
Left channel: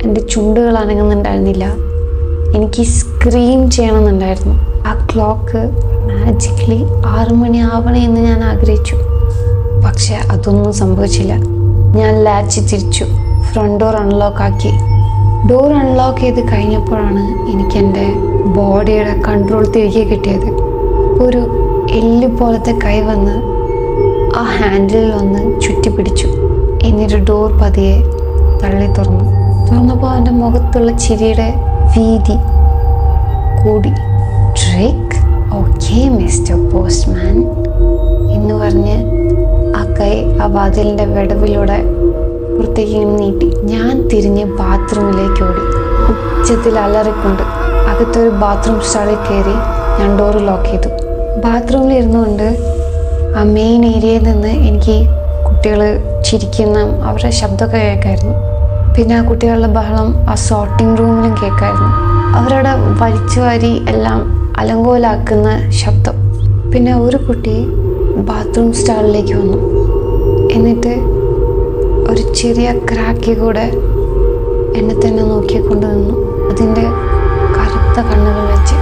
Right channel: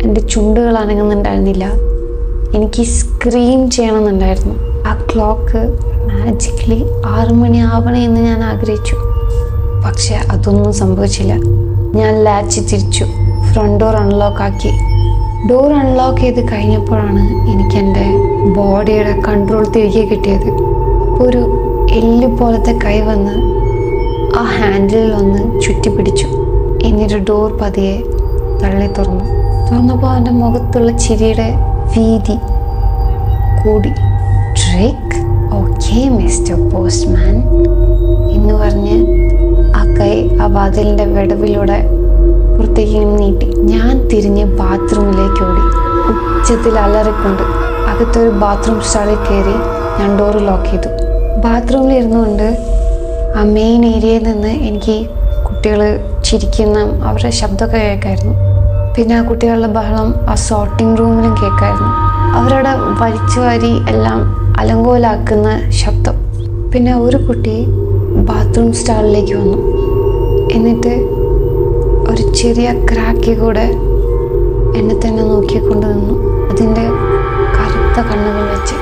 എൻ്റെ ചുണ്ടുകൾ അനങ്ങുന്നുണ്ടായിരുന്നില്ല. എനിക്ക് സ്ക്രീം ചെയ്യണമെന്നുണ്ടായിരുന്നു. ആ ക്ലോക്ക് മാജിക്കലി 6 മണി ആവണേ എന്ന് ഞാൻ ആഗ്രഹിച്ചു. പക്ഷെ അതൊന്നും സംഭവിച്ചില്ല. ഞാൻ ലാച്ച് തിരിച്ചു, ഫ്രണ്ട് ഡോർ അൺലോക്ക് ആക്കി. ഡോർ അൺലോക്ക് ചെയ്ത് കഴിഞ്ഞപ്പോഴാണ് എനിക്ക് എൻ്റെ ബോഡിയുടെ കൺട്രോൾ തിരികെ കിട്ടിയത്. ഒരു എല്ല് പോലത്തെ കൈ വന്ന് ആ ഹാൻഡിലിൽ ഒന്ന് ചുറ്റി പിടിച്ചു. എന്നിട്ട് ഡോർ പതിയെ തുറന്നപ്പോൾ അവൻ്റെ മുഖത്തുള്ള ചിരിയുടെ വീതി കൂടി. ഡ്രേക്ക്, ഓക്കെ മിസ്റ്റർ പോസ്റ്റ്മാൻ എന്ന് പറഞ്ഞ് ആ കൈ ആ വാതിലിൻ്റെ വിടവിലൂടെ പുറത്തേക്ക് ഇങ്ങനെ നീട്ടി. ഞാൻ തിരിഞ്ഞ് ബാത്റൂമിലേക്ക് ഓടി. ഉച്ചത്തിൽ അലറിക്കൊണ്ട് അകത്തൊരു ബാത്റൂം സ്റ്റാളിൽ കയറി ഞാൻ ഡോറ് ലോക്ക് ചെയ്തു. ബാത്റൂമിൽ ഇരുന്നുകൊണ്ട് ആ മെയിൻ ഏരിയയിൽ നിന്ന് എനിക്ക് കുട്ടികൾ ചിരിക്കുന്ന അവരുടെ ശബ്ദമൊക്കെ കേൾക്കായിരുന്നു. പിന്നെ ആ കുട്ടികളുടെ ബഹളം ആ സോർട്ടിംഗ് റൂമിലും കേൾക്കായിരുന്നു. അവരുടെ വലിച്ചു വാരി എല്ലാം അലങ്കോലാക്കുന്ന ശബ്ദം. പിന്നെ ഒരു കുട്ടി ബാത്റൂം സ്റ്റാളിലേക്ക് വന്നു. എന്നിട്ട് ഒരു ചെറിയ ക്രാക്കിൽ കൂടെ എന്നെ തന്നെ നോക്കിക്കൊണ്ട് നിന്നു, അതിൻ്റെ കറുത്ത കണ്ണുകൾ വെച്ച്.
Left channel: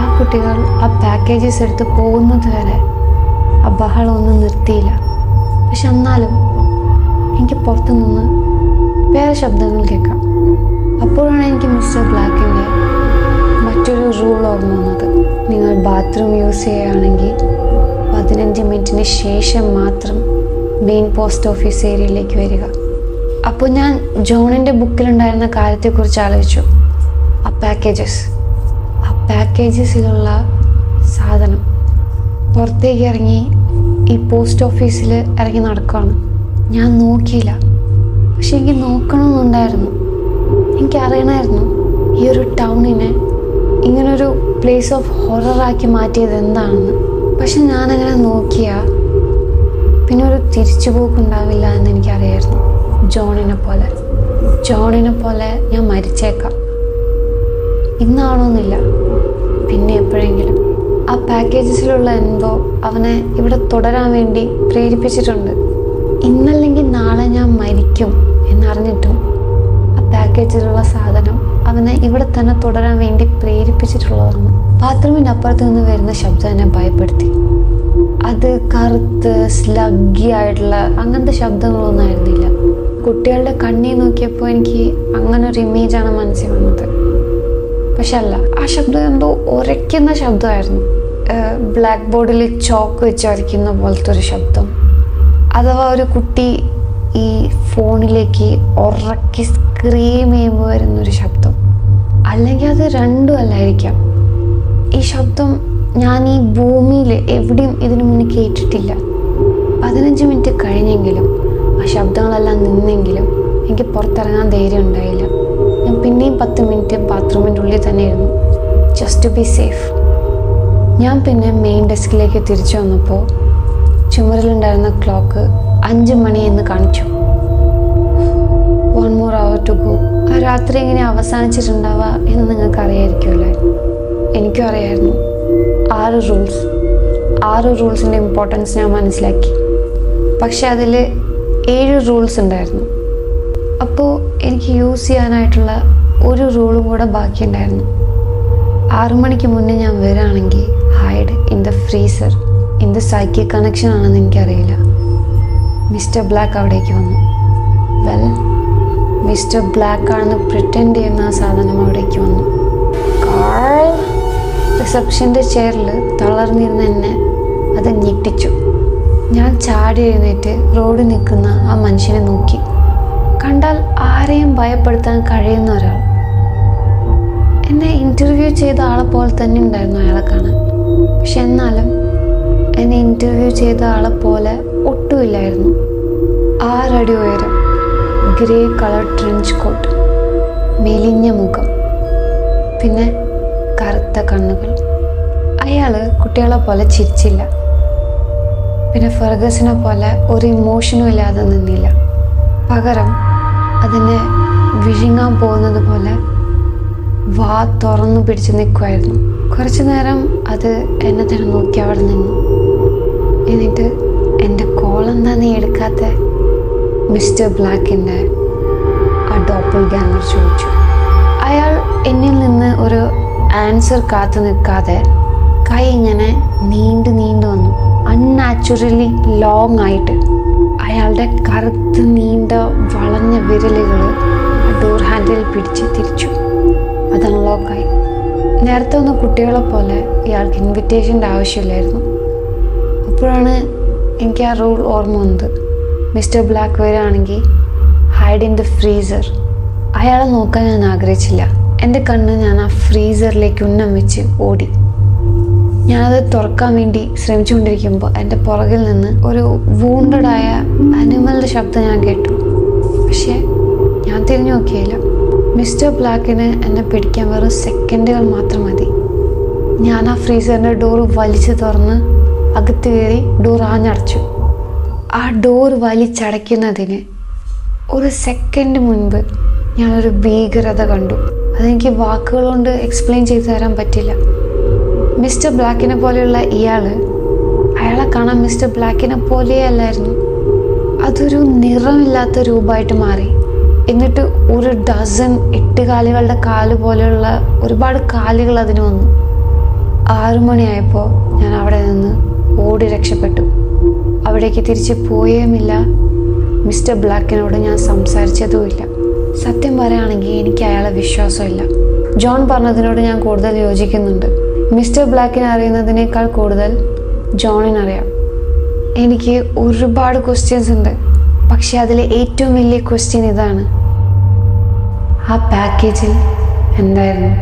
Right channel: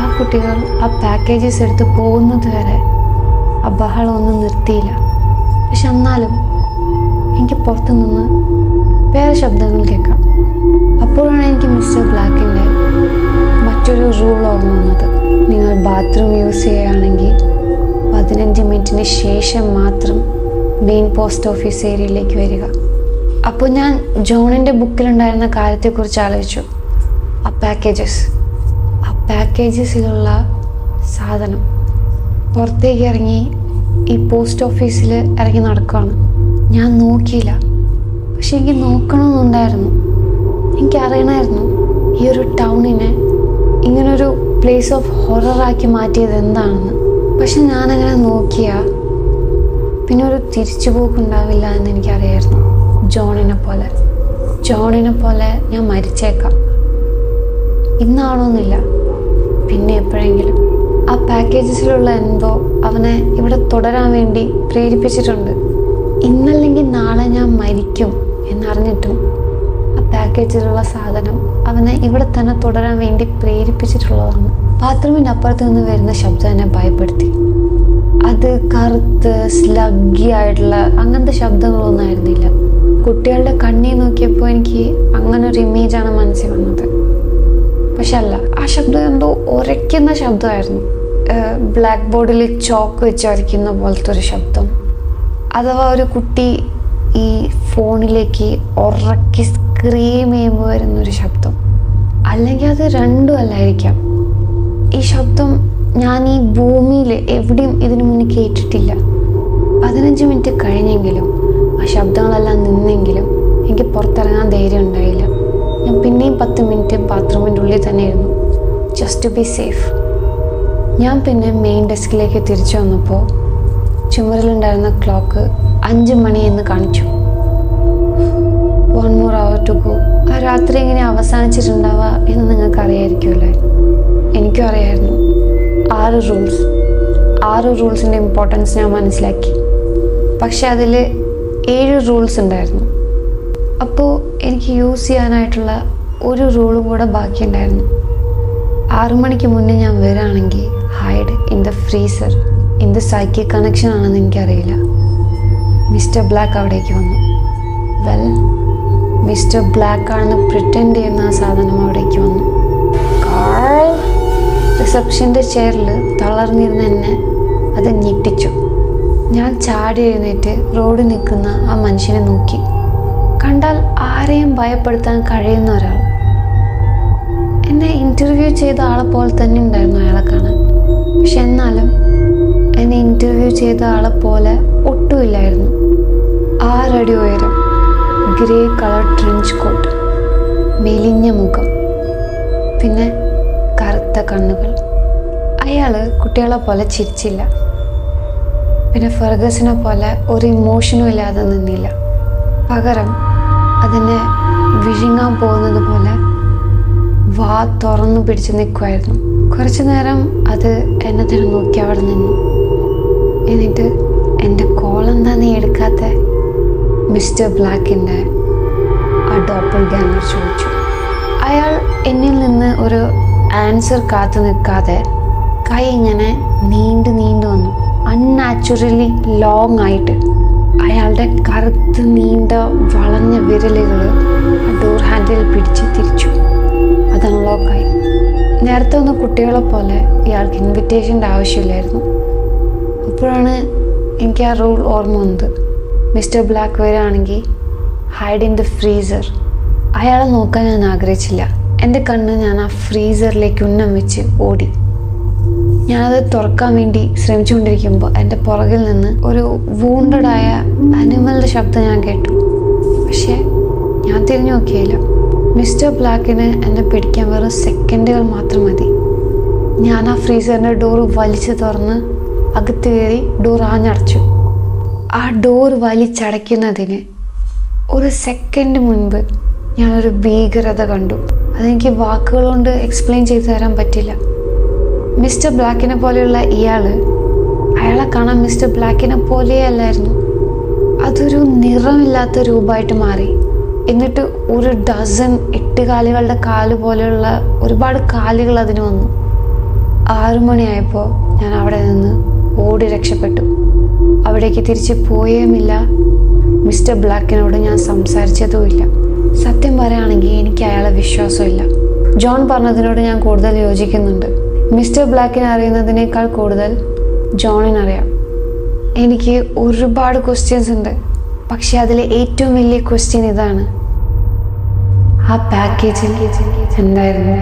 ആ കുട്ടികൾ ആ പാക്കേജസ് എടുത്ത് പോകുന്നത് വരെ ആ ബഹളമൊന്നും നിർത്തിയില്ല. പക്ഷെ എന്നാലും എനിക്ക് പുറത്തു നിന്ന് വേറെ ശബ്ദങ്ങൾ കേൾക്കാം. അപ്പോഴാണ് എനിക്ക് മിസ്റ്റർ ബ്ലാക്കിൻ്റെ മറ്റൊരു റൂൾ ഓർമ്മ വന്നത്. നിങ്ങൾ ബാത്റൂം യൂസ് ചെയ്യുകയാണെങ്കിൽ 15 മിനിറ്റിന് ശേഷം മാത്രം മെയിൻ പോസ്റ്റ് ഓഫീസ് ഏരിയയിലേക്ക് വരിക. അപ്പോൾ ഞാൻ ജോണിൻ്റെ ബുക്കിലുണ്ടായിരുന്ന കാര്യത്തെക്കുറിച്ച് ആലോചിച്ചു. ആ പാക്കേജസിലുള്ള സാധനം പുറത്തേക്ക് ഇറങ്ങി ഈ പോസ്റ്റ് ഓഫീസിൽ ഇറങ്ങി നടക്കുകയാണ്. ഞാൻ നോക്കിയില്ല, പക്ഷെ എനിക്ക് നോക്കണമെന്നുണ്ടായിരുന്നു. എനിക്കറിയണമായിരുന്നു ഈ ഒരു ടൗണിനെ ഇങ്ങനൊരു പ്ലേസ് ഓഫ് ഹൊററാക്കി മാറ്റിയത് എന്താണെന്ന്. പക്ഷെ ഞാനങ്ങനെ നോക്കിയാൽ പിന്നെ ഒരു തിരിച്ചുപോക്കുണ്ടാവില്ല എന്ന് എനിക്കറിയായിരുന്നു. ജോണിനെ പോലെ ഞാൻ മരിച്ചേക്കാം. ഇന്നാണോന്നില്ല, പിന്നെ എപ്പോഴെങ്കിലും. ആ പാക്കേജസിലുള്ള എന്തോ അവനെ ഇവിടെ തുടരാൻ വേണ്ടി പ്രേരിപ്പിച്ചിട്ടുണ്ട്. ഇന്നല്ലെങ്കിൽ നാളെ ഞാൻ മരിക്കും എന്നറിഞ്ഞിട്ടും ആ പാക്കേജിലുള്ള സാധനം അവനെ ഇവിടെ തന്നെ തുടരാൻ വേണ്ടി പ്രേരിപ്പിച്ചിട്ടുള്ളതാണ്. ബാത്റൂമിൻ്റെ അപ്പുറത്ത് നിന്ന് വരുന്ന ശബ്ദം എന്നെ ഭയപ്പെടുത്തി. അത് കറുത്ത് സ്ലഗ്ഗി ആയിട്ടുള്ള അങ്ങനത്തെ ശബ്ദങ്ങളൊന്നും ആയിരുന്നില്ല. കുട്ടികളുടെ കണ്ണി നോക്കിയപ്പോൾ എനിക്ക് അങ്ങനെ ഒരു ഇമേജാണ് മനസ്സിൽ വന്നത്. പക്ഷെ അല്ല, ആ ശബ്ദം എന്തോ ഉരയ്ക്കുന്ന ശബ്ദമായിരുന്നു. ബ്ലാക്ക് ബോർഡിൽ ചോക്ക് വെച്ച് ഉരയ്ക്കുന്ന പോലത്തെ ഒരു ശബ്ദം. അഥവാ ഒരു കുട്ടി ഈ ഫോണിലേക്ക് ഉറക്കി സ്ക്രീം ചെയ്യുമ്പോൾ വരുന്നൊരു ശബ്ദം. അല്ലെങ്കിൽ അത് രണ്ടും അല്ലായിരിക്കാം. ഈ ശബ്ദം ഞാൻ ഈ ഭൂമിയിൽ എവിടെയും ഇതിനു മുന്നേ കേട്ടിട്ടില്ല. 15 മിനിറ്റ് കഴിഞ്ഞെങ്കിലും ആ ശബ്ദങ്ങളെല്ലാം നിന്നെങ്കിലും എനിക്ക് പുറത്തിറങ്ങാൻ ധൈര്യം ഉണ്ടായില്ല. ഞാൻ പിന്നെയും 10 മിനിറ്റ് ബാത്റൂമിൻ്റെ ഉള്ളിൽ തന്നെ ഇരുന്നു, ജസ്റ്റ് ടു ബി സേഫ്. ഞാൻ പിന്നെ മെയിൻ ഡെസ്കിലേക്ക് തിരിച്ചു വന്നപ്പോൾ ചുമരിലുണ്ടായിരുന്ന ക്ലോക്ക് 5 മണി എന്ന് കാണിച്ചു. 1 more hour to go. ആ രാത്രി ഇങ്ങനെ അവസാനിച്ചിട്ടുണ്ടാവുക എന്ന് നിങ്ങൾക്ക് അറിയായിരിക്കുമല്ലേ? എനിക്കും അറിയായിരുന്നു. 6 റൂൾസിൻ്റെ ഇമ്പോർട്ടൻസ് ഞാൻ മനസ്സിലാക്കി. പക്ഷെ അതിൽ 7 റൂൾസ് ഉണ്ടായിരുന്നു. അപ്പോൾ എനിക്ക് യൂസ് ചെയ്യാനായിട്ടുള്ള ഒരു റൂളും കൂടെ ബാക്കിയുണ്ടായിരുന്നു. 6 മണിക്ക് മുന്നേ ഞാൻ വരികയാണെങ്കിൽ ഹൈഡ് ഇൻ ദ ഫ്രീസർ. എന്ത് സൈക്കിക് കണക്ഷൻ ആണെന്ന് എനിക്കറിയില്ല. മിസ്റ്റർ ബ്ലാക്ക് അവിടേക്ക് വന്നു. മിസ്റ്റർ ബ്ലാക്ക് ആണെന്ന് പ്രിറ്റൻഡ് ചെയ്യുന്ന ആ സാധനം അവിടേക്ക് വന്നു. റിസപ്ഷൻ്റെ ചെയറിൽ തളർന്നിരുന്ന എന്നെ അത് ഞെട്ടിച്ചു. ഞാൻ ചാടി എഴുന്നേറ്റ് റോഡിൽ നിൽക്കുന്ന ആ മനുഷ്യനെ നോക്കി. കണ്ടാൽ ആരെയും ഭയപ്പെടുത്താൻ കഴിയുന്ന ഒരാൾ. എന്നെ ഇൻ്റർവ്യൂ ചെയ്ത ആളെ പോലെ തന്നെ ഉണ്ടായിരുന്നു അയാളെ കാണാൻ. പക്ഷെ എന്നാലും എന്നെ ഇൻ്റർവ്യൂ ചെയ്ത ആളെ പോലെ ഒട്ടുമില്ലായിരുന്നു. 6 അടി ഉയരം, ഗ്രേ കളർ ട്രെഞ്ച് കോട്ട്, മെലിഞ്ഞ മുഖം, പിന്നെ കറുത്ത കണ്ണുകൾ. അയാൾ കുട്ടികളെ പോലെ ചിരിച്ചില്ല. പിന്നെ ഫെർഗസിനെ പോലെ ഒരു ഇമോഷനും ഇല്ലാതെ നിന്നില്ല. പകരം അതിനെ വിഴുങ്ങാൻ പോകുന്നത് പോലെ വാ തുറന്നു പിടിച്ച് നിൽക്കുമായിരുന്നു. കുറച്ചു നേരം അത് എന്നെ തന്നെ നോക്കി അവിടെ നിന്നു. എന്നിട്ട് എൻ്റെ കോൾ എന്താ നീ എടുക്കാത്ത, മിസ്റ്റർ ബ്ലാക്കിൻ്റെ ആ ഡോപ്പിൾ ഗാങ്ങർ ചോദിച്ചു. അയാൾ എന്നിൽ നിന്ന് ഒരു ആൻസർ കാത്തു നിൽക്കാതെ കൈ ഇങ്ങനെ നീണ്ടു വന്നു, അൺനാച്ചുറലി ലോങ് ആയിട്ട്. അയാളുടെ കറുത്ത് നീണ്ട വളഞ്ഞ വിരലുകൾ ആ ഡോർ ഹാൻഡിൽ പിടിച്ച് തിരിച്ചു. അത് അൺലോക്കായി. നേരത്തെ ഒന്ന് കുട്ടികളെ പോലെ ഇയാൾക്ക് ഇൻവിറ്റേഷൻ്റെ ആവശ്യമില്ലായിരുന്നു. അപ്പോഴാണ് എനിക്ക് ആ റൂൾ ഓർമ്മ വന്നത്. മിസ്റ്റർ ബ്ലാക്ക് വരികയാണെങ്കിൽ ഹൈഡ് ഇൻ ദ ഫ്രീസർ. അയാളെ നോക്കാൻ ഞാൻ ആഗ്രഹിച്ചില്ല. എൻ്റെ കണ്ണ് ഞാൻ ആ ഫ്രീസറിലേക്ക് ഉന്നം വെച്ച് ഓടി. ഞാനത് തുറക്കാൻ വേണ്ടി ശ്രമിച്ചുകൊണ്ടിരിക്കുമ്പോൾ എൻ്റെ പുറകിൽ നിന്ന് ഒരു വൂണ്ടഡായ അനിമലിൻ്റെ ശബ്ദം ഞാൻ കേട്ടു. പക്ഷേ ഞാൻ തിരിഞ്ഞു നോക്കിയില്ല. മിസ്റ്റർ ബ്ലാക്കിന് എന്നെ പിടിക്കാൻ വെറും സെക്കൻഡുകൾ മാത്രം മതി. ഞാൻ ആ ഫ്രീസറിൻ്റെ ഡോർ വലിച്ചു തുറന്ന് അകത്ത് കയറി ഡോർ ആഞ്ഞടച്ചു. ആ ഡോർ വലിച്ചടയ്ക്കുന്നതിന് ഒരു സെക്കൻഡ് മുൻപ് ഞാനൊരു ഭീകരത കണ്ടു. അതെനിക്ക് വാക്കുകൾ കൊണ്ട് എക്സ്പ്ലെയിൻ ചെയ്തു തരാൻ പറ്റില്ല. മിസ്റ്റർ ബ്ലാക്കിനെ പോലെയുള്ള അയാളെ കാണാൻ മിസ്റ്റർ ബ്ലാക്കിനെ പോലെയേ അല്ലായിരുന്നു. അതൊരു നിറമില്ലാത്ത രൂപമായിട്ട് മാറി. എന്നിട്ട് ഒരു ഡസൻ 8 കാലുകളുടെ കാല് പോലെയുള്ള ഒരുപാട് കാലുകൾ അതിന് വന്നു. 6 മണിയായപ്പോൾ ഞാൻ അവിടെ നിന്ന് ഓടി രക്ഷപ്പെട്ടു. അവിടേക്ക് തിരിച്ച് പോയേമില്ല. മിസ്റ്റർ ബ്ലാക്കിനോട് ഞാൻ സംസാരിച്ചതുമില്ല. സത്യം പറയുകയാണെങ്കിൽ എനിക്ക് അയാളെ വിശ്വാസമില്ല. ജോൺ പറഞ്ഞതിനോട് ഞാൻ കൂടുതൽ യോജിക്കുന്നുണ്ട്. മിസ്റ്റർ ബ്ലാക്കിനെ അറിയുന്നതിനേക്കാൾ കൂടുതൽ ജോണിനറിയാം. എനിക്ക് ഒരുപാട് ക്വസ്റ്റ്യൻസ് ഉണ്ട്. പക്ഷെ അതിലെ ഏറ്റവും വലിയ ക്വസ്റ്റ്യൻ ഇതാണ്, ആ പാക്കേജിൽ എന്തായിരുന്നു?